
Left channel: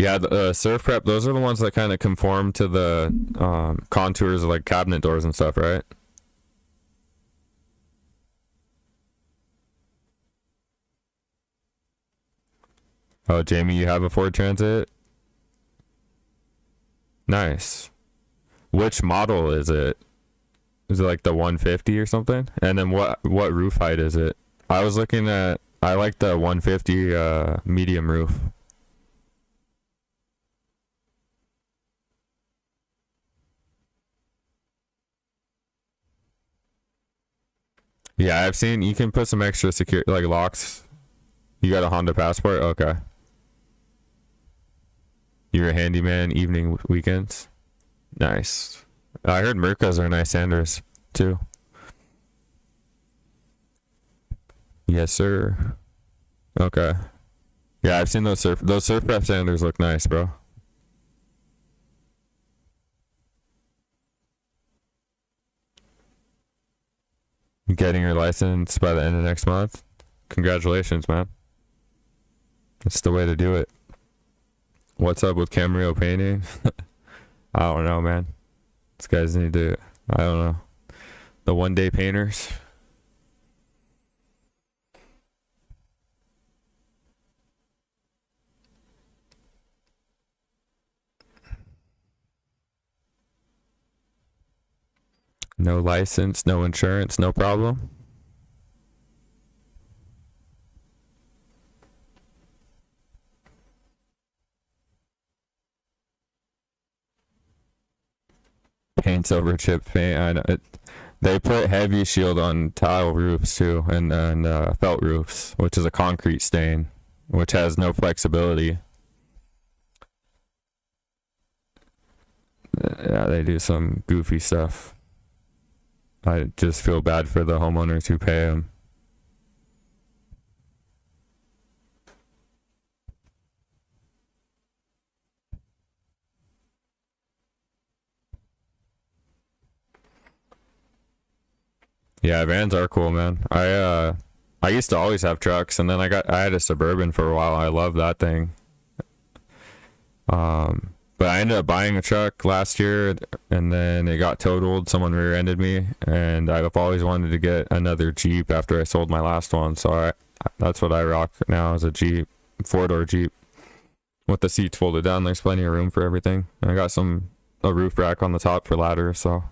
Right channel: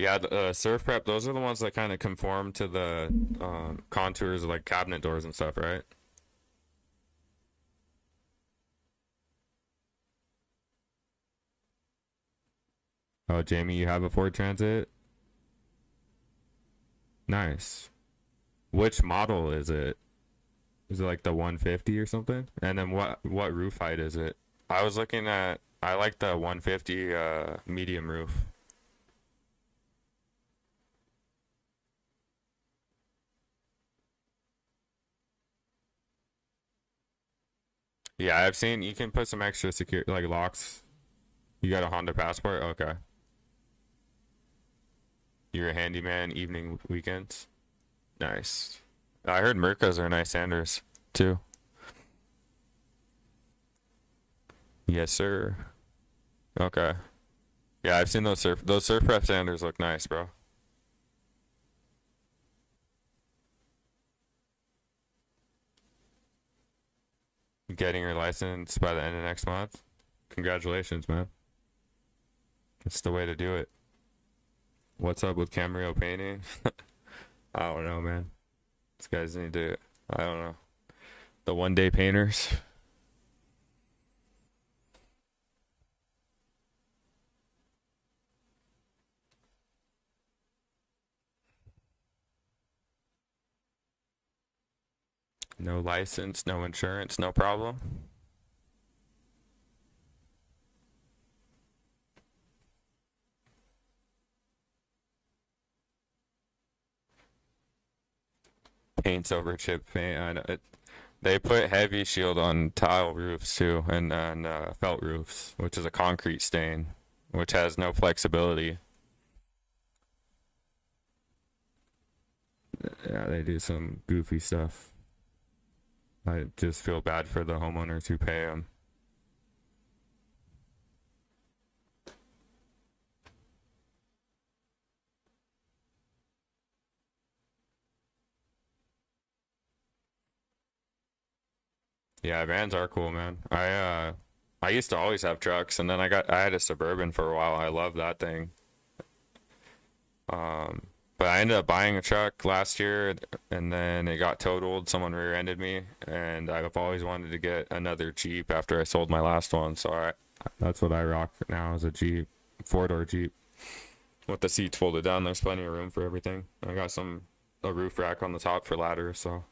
Yeah, the Surf Prep, those are the ones that kind of conform to the contours of like cabinet doors and stuff, right? Oh, Jamie, you have a Ford Transit? Nice. Which model is it? Is it like the 150 or something? And then what roof height is it? I like the 150 medium roof. Yeah, I've seen you can put some extra secure like locks. You got a Honda Passport? Okay. You're a handyman evening weekends? Nice. I heard Mercas are nice sanders too. Yes, sir. Okay. Yeah, I've seen those surf prep sanders look nice, bro. Getting your license by the end of next month. Congratulations, man. That's the way to do it. What's up with Camarillo painting? I don't know, man. These guys need to, I don't know. The one day painters. No license, no insurance, no problem. Paints over chip paint. I know it. They put heavy shield on tile roofs too, and felt roofs, which is a concrete stain, which has no flexibility. Yeah, they do some goofy stuff. I just feel bad for the homeowners who pay them. Yeah, vans are cool, man. I used to always have trucks, and then I had a Suburban for a while. I love that thing. But I ended up buying a truck last year, and then it got totaled. Someone rear-ended me, and I've always wanted to get another Jeep after I sold my last one. So that's what I rock now is a Jeep, four-door Jeep with the seats folded down. There's plenty of room for everything. I got a roof rack on the top for ladders, so.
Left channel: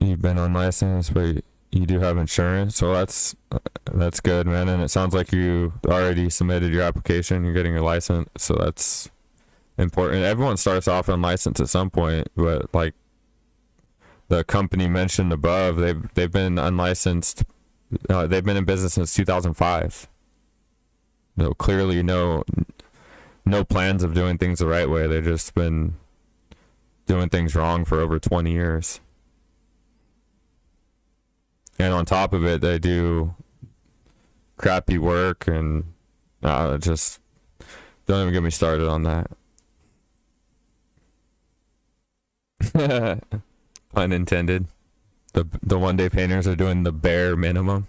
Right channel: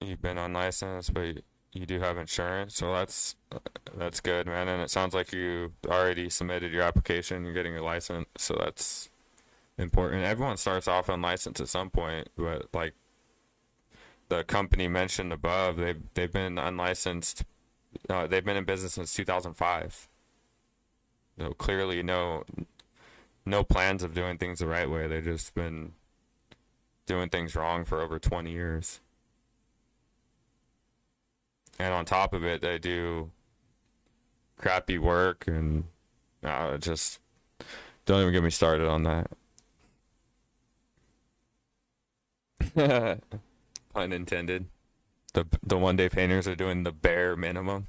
You've been unlicensed, but you do have insurance, so that's good, man. And it sounds like you already submitted your application. You're getting your license, so that's important. Everyone starts off unlicensed at some point, but like the company mentioned above, they've been unlicensed. They've been in business since 2005. So clearly, no plans of doing things the right way. They've just been doing things wrong for over 20 years. And on top of it, they do crappy work, and just don't even get me started on that. Pun intended. The one day painters are doing the bare minimum.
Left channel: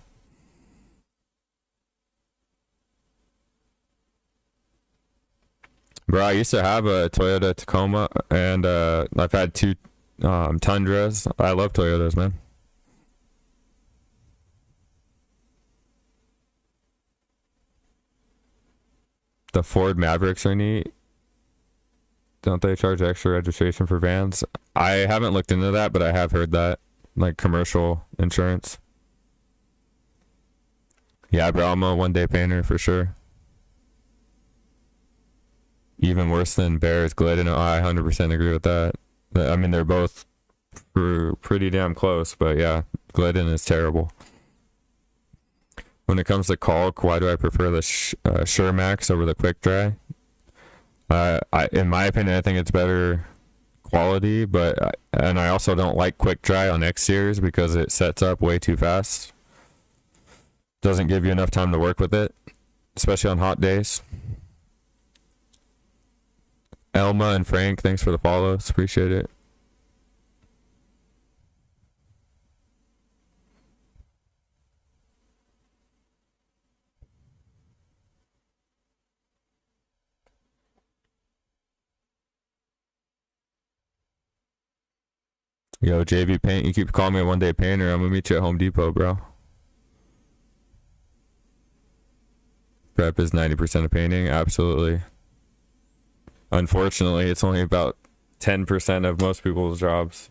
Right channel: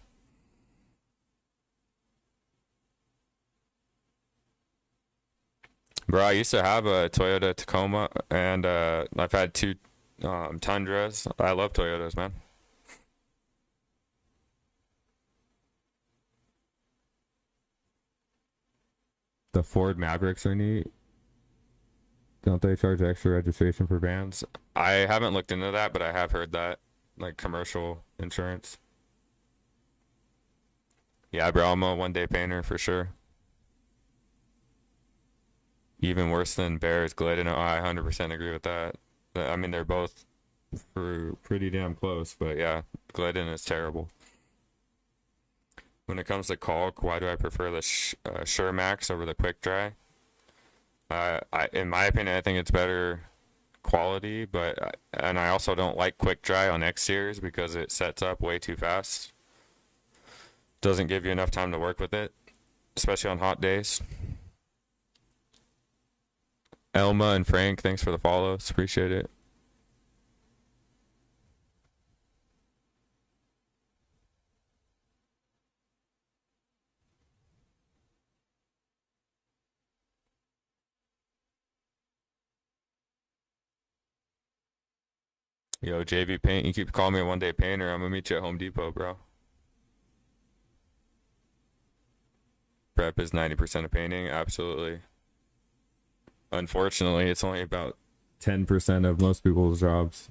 Bro, I used to have a Toyota Tacoma, and I've had two Tundras. I love Toyotas, man. The Ford Mavericks are neat. Don't they charge extra registration for vans? I haven't looked into that, but I have heard that. Like commercial insurance. Yeah, bro, I'm a one day painter for sure. Even worse than Bears, Glidden. I 100% agree with that. I mean, they're both pretty damn close, but yeah, Glidden is terrible. When it comes to caulk, why do I prefer the Sure Max over the Quick Dry? In my opinion, I think it's better quality, and I also don't like Quick Dry on exteriors because it sets up way too fast. Doesn't give you enough time to work with it, especially on hot days. Elma and Frank, thanks for the follows. Appreciate it. Yo, JV Paint, you keep calling me a one day painter. I'm gonna meet you at Home Depot, bro. Prep is 90% of painting, absolutely. Unfortunately, it's only about 10% of most people's jobs.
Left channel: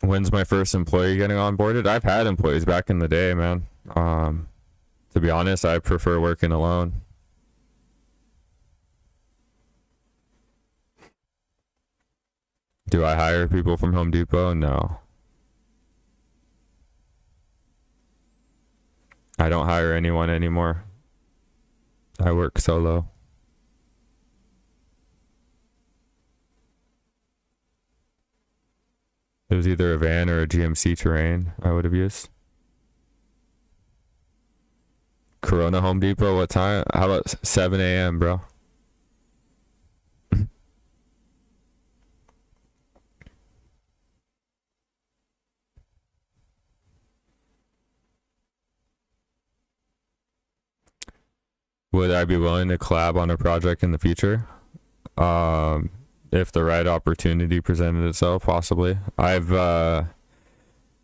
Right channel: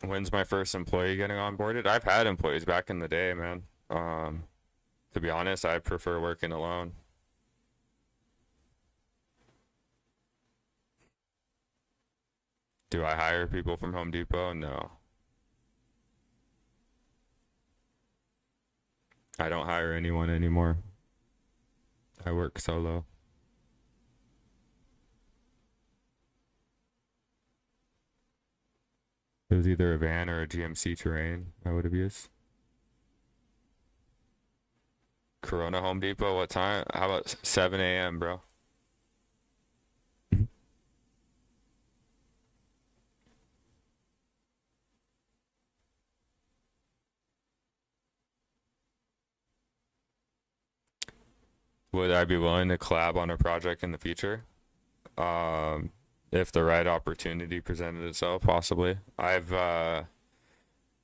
When's my first employee getting onboarded? I've had employees back in the day, man. To be honest, I prefer working alone. Do I hire people from Home Depot? No. I don't hire anyone anymore. I work solo. It was either a van or a GMC Terrain I would have used. Corona Home Depot, what time? How about 7 a.m., bro? Would I be willing to collab on a project in the future? If the right opportunity presented itself, possibly. I've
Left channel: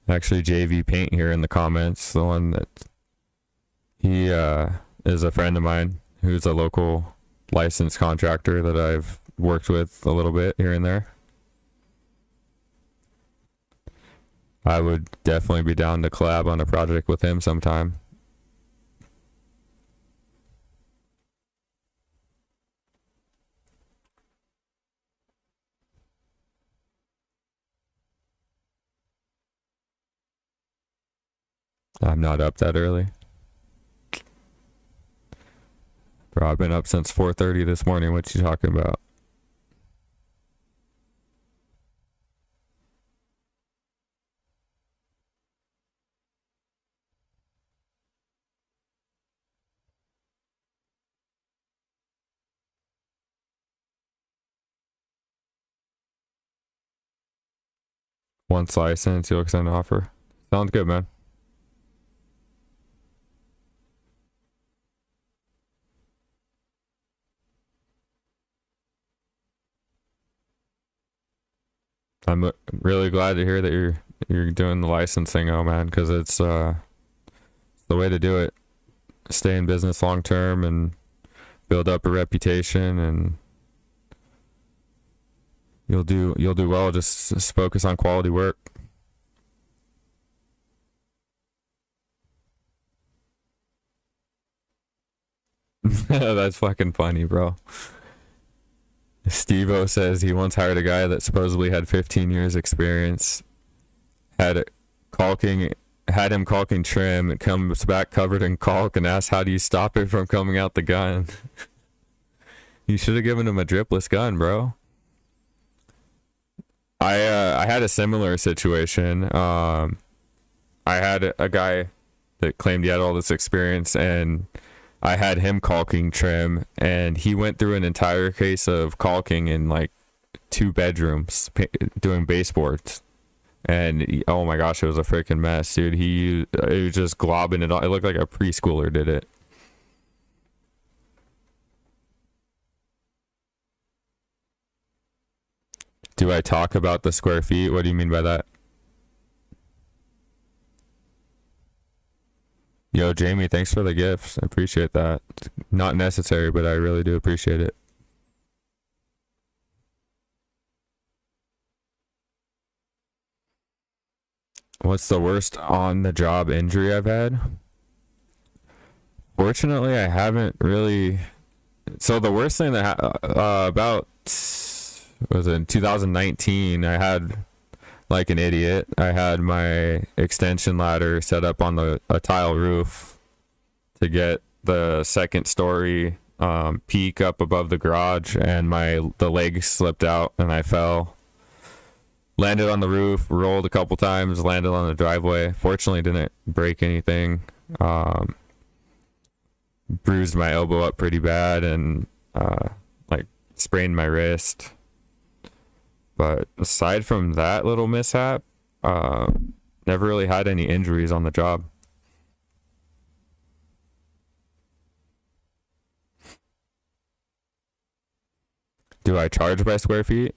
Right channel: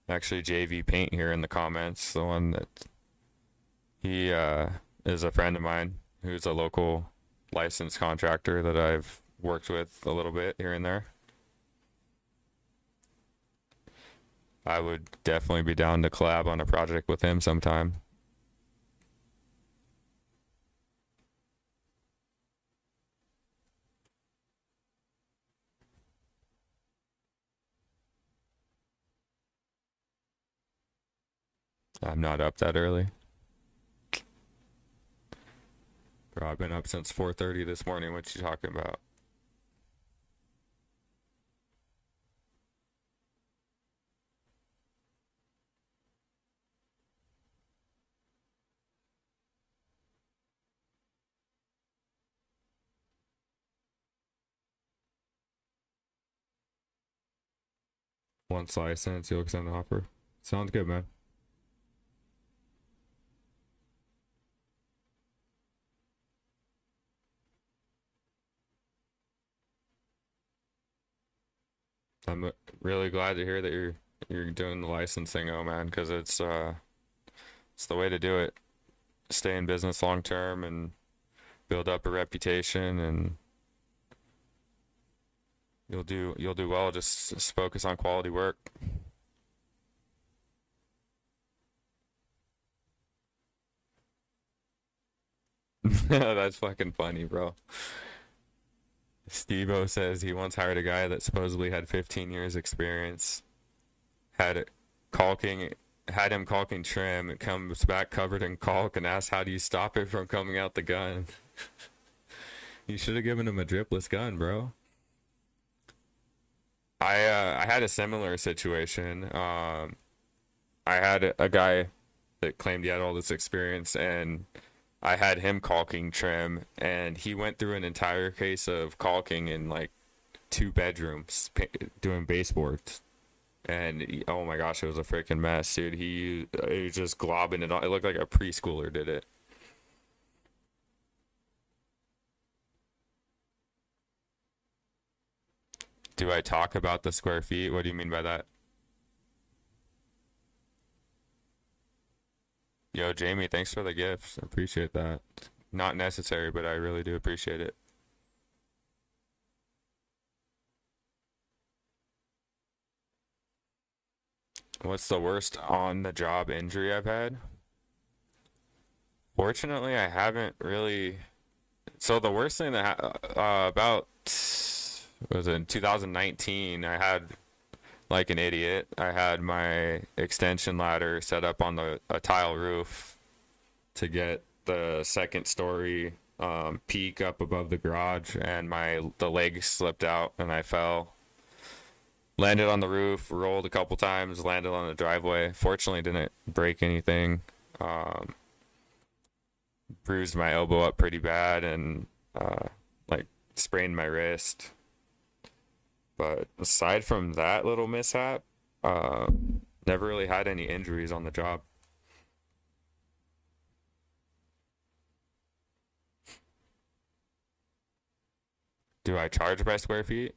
actually JV Paint here in the comments, the one that he is a friend of mine who's a local licensed contractor that I've worked with a little bit here and there. I would definitely be down to collab on a project with him sometime. I'm not up that early. Bro, I've been up since 4:30 this morning. What you talking about? Once licensed, you'll extend an offer. Sounds good, man. I'm really glad to hear that you're doing the licensing, oh man, because it's the way to do it. Stay in business long term and build up a reputation, and you'll do well. Just focus on quality work. That's fucking funny, bro. Steve-O says he once hired a guy that supposedly had 15 years experience, had it caulking, had him caulking trim. It comes back covered in caulk and asks, how do you stop it from coming out the gun? You should have given him a dripless gun, bro. I had a similar situation. I had a guy that claimed he had all this experience, and I had him caulking trim, and he went through an entire case of caulking in like 2 bedrooms doing baseboards. And oh my gosh, it was a freaking mess, dude. It was just globbing it all. It looked like a preschooler did it. Do I talk about the square feet? What do you mean by that? Yo, Jamie, thanks for the gifts. I appreciate that. Not necessary, but I really do appreciate it. What's the worst on the job injury I've had? Fortunately, I haven't really. So the worst thing that about was in 2019, I had like an idiot. I had my extension ladder set up on a tile roof to get the second story peak up above the garage, and the leg slipped out and I fell. Landed on the roof, rolled a couple times, landed on the driveway. Fortunately, didn't break anything. Bruised my elbow up pretty bad, and like sprained my wrist. But aside from that little mishap, never really had any injuries on the job. Do I charge by square feet?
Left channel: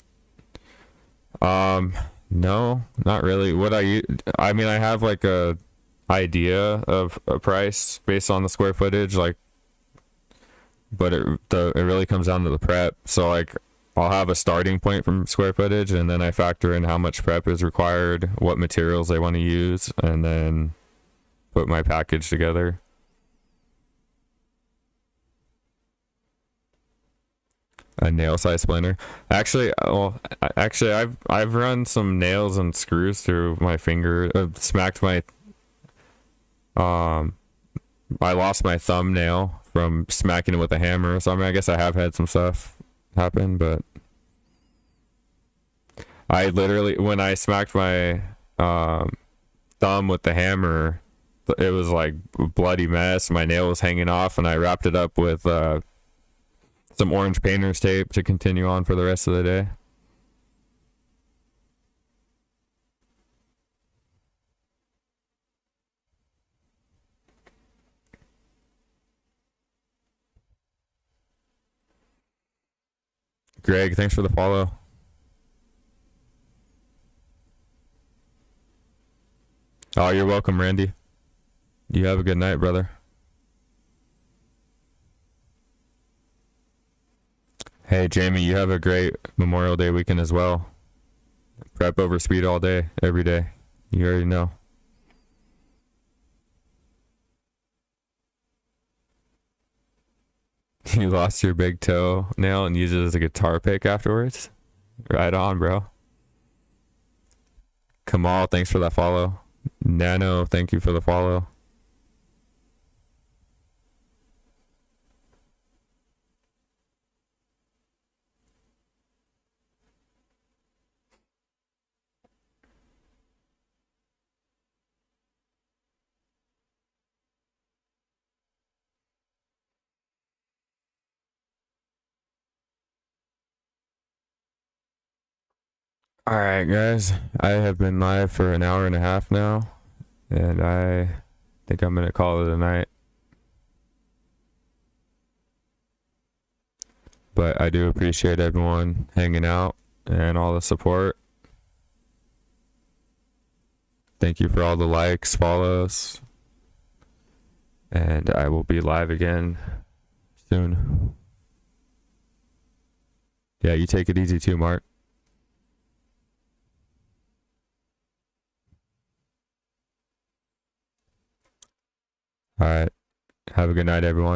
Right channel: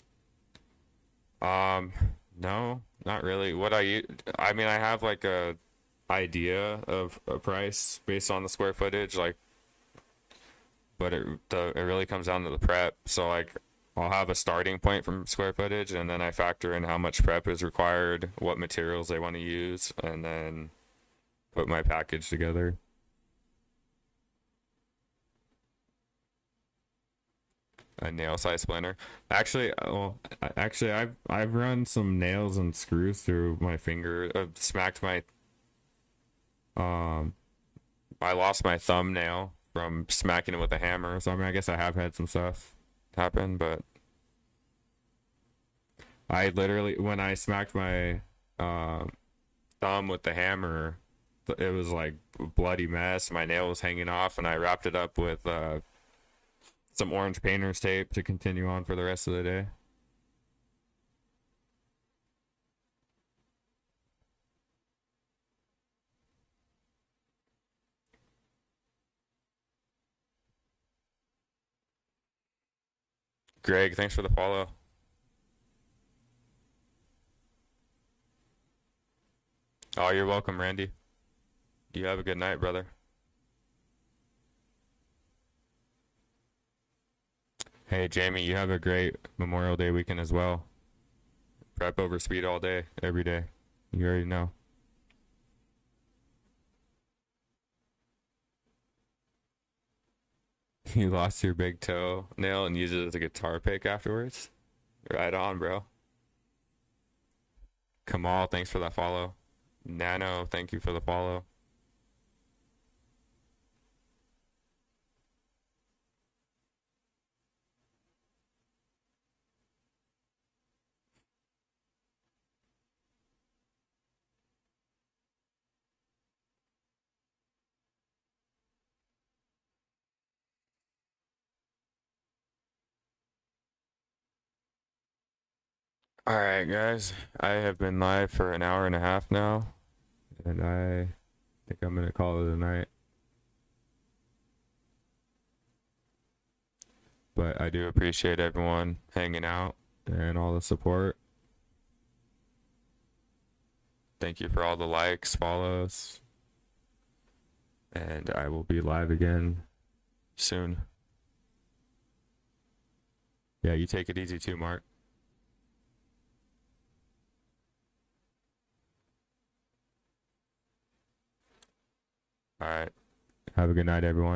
No, not really. I mean, I have like a idea of a price based on the square footage, like, but it really comes down to the prep. So like I'll have a starting point from square footage, and then I factor in how much prep is required, what materials they want to use, and then put my package together. A nail size splinter. Actually, actually, I've run some nails and screws through my finger. Smacked my um. I lost my thumbnail from smacking it with a hammer. So I mean, I guess I have had some stuff happen, but I literally, when I smacked my thumb with the hammer, it was like a bloody mess. My nail was hanging off, and I wrapped it up with some orange painter's tape to continue on for the rest of the day. Greg, thanks for the follow. Oh, you're welcome, Randy. You have a good night, brother. Hey, Jamie, you have a great Memorial Day weekend as well. Prep over speed all day, every day. You already know. You lost your big toe nail and used it as a guitar pick afterwards? Right on, bro. Kamal, thanks for that follow. Nano, thank you for the follow. All right, guys. I have been live for an hour and a half now, and I think I'm gonna call it a night. But I do appreciate everyone hanging out and all the support. Thank you for all the likes, follows, and I will be live again soon. Yeah, you take it easy too, Mark. All right. Have a good night, everyone.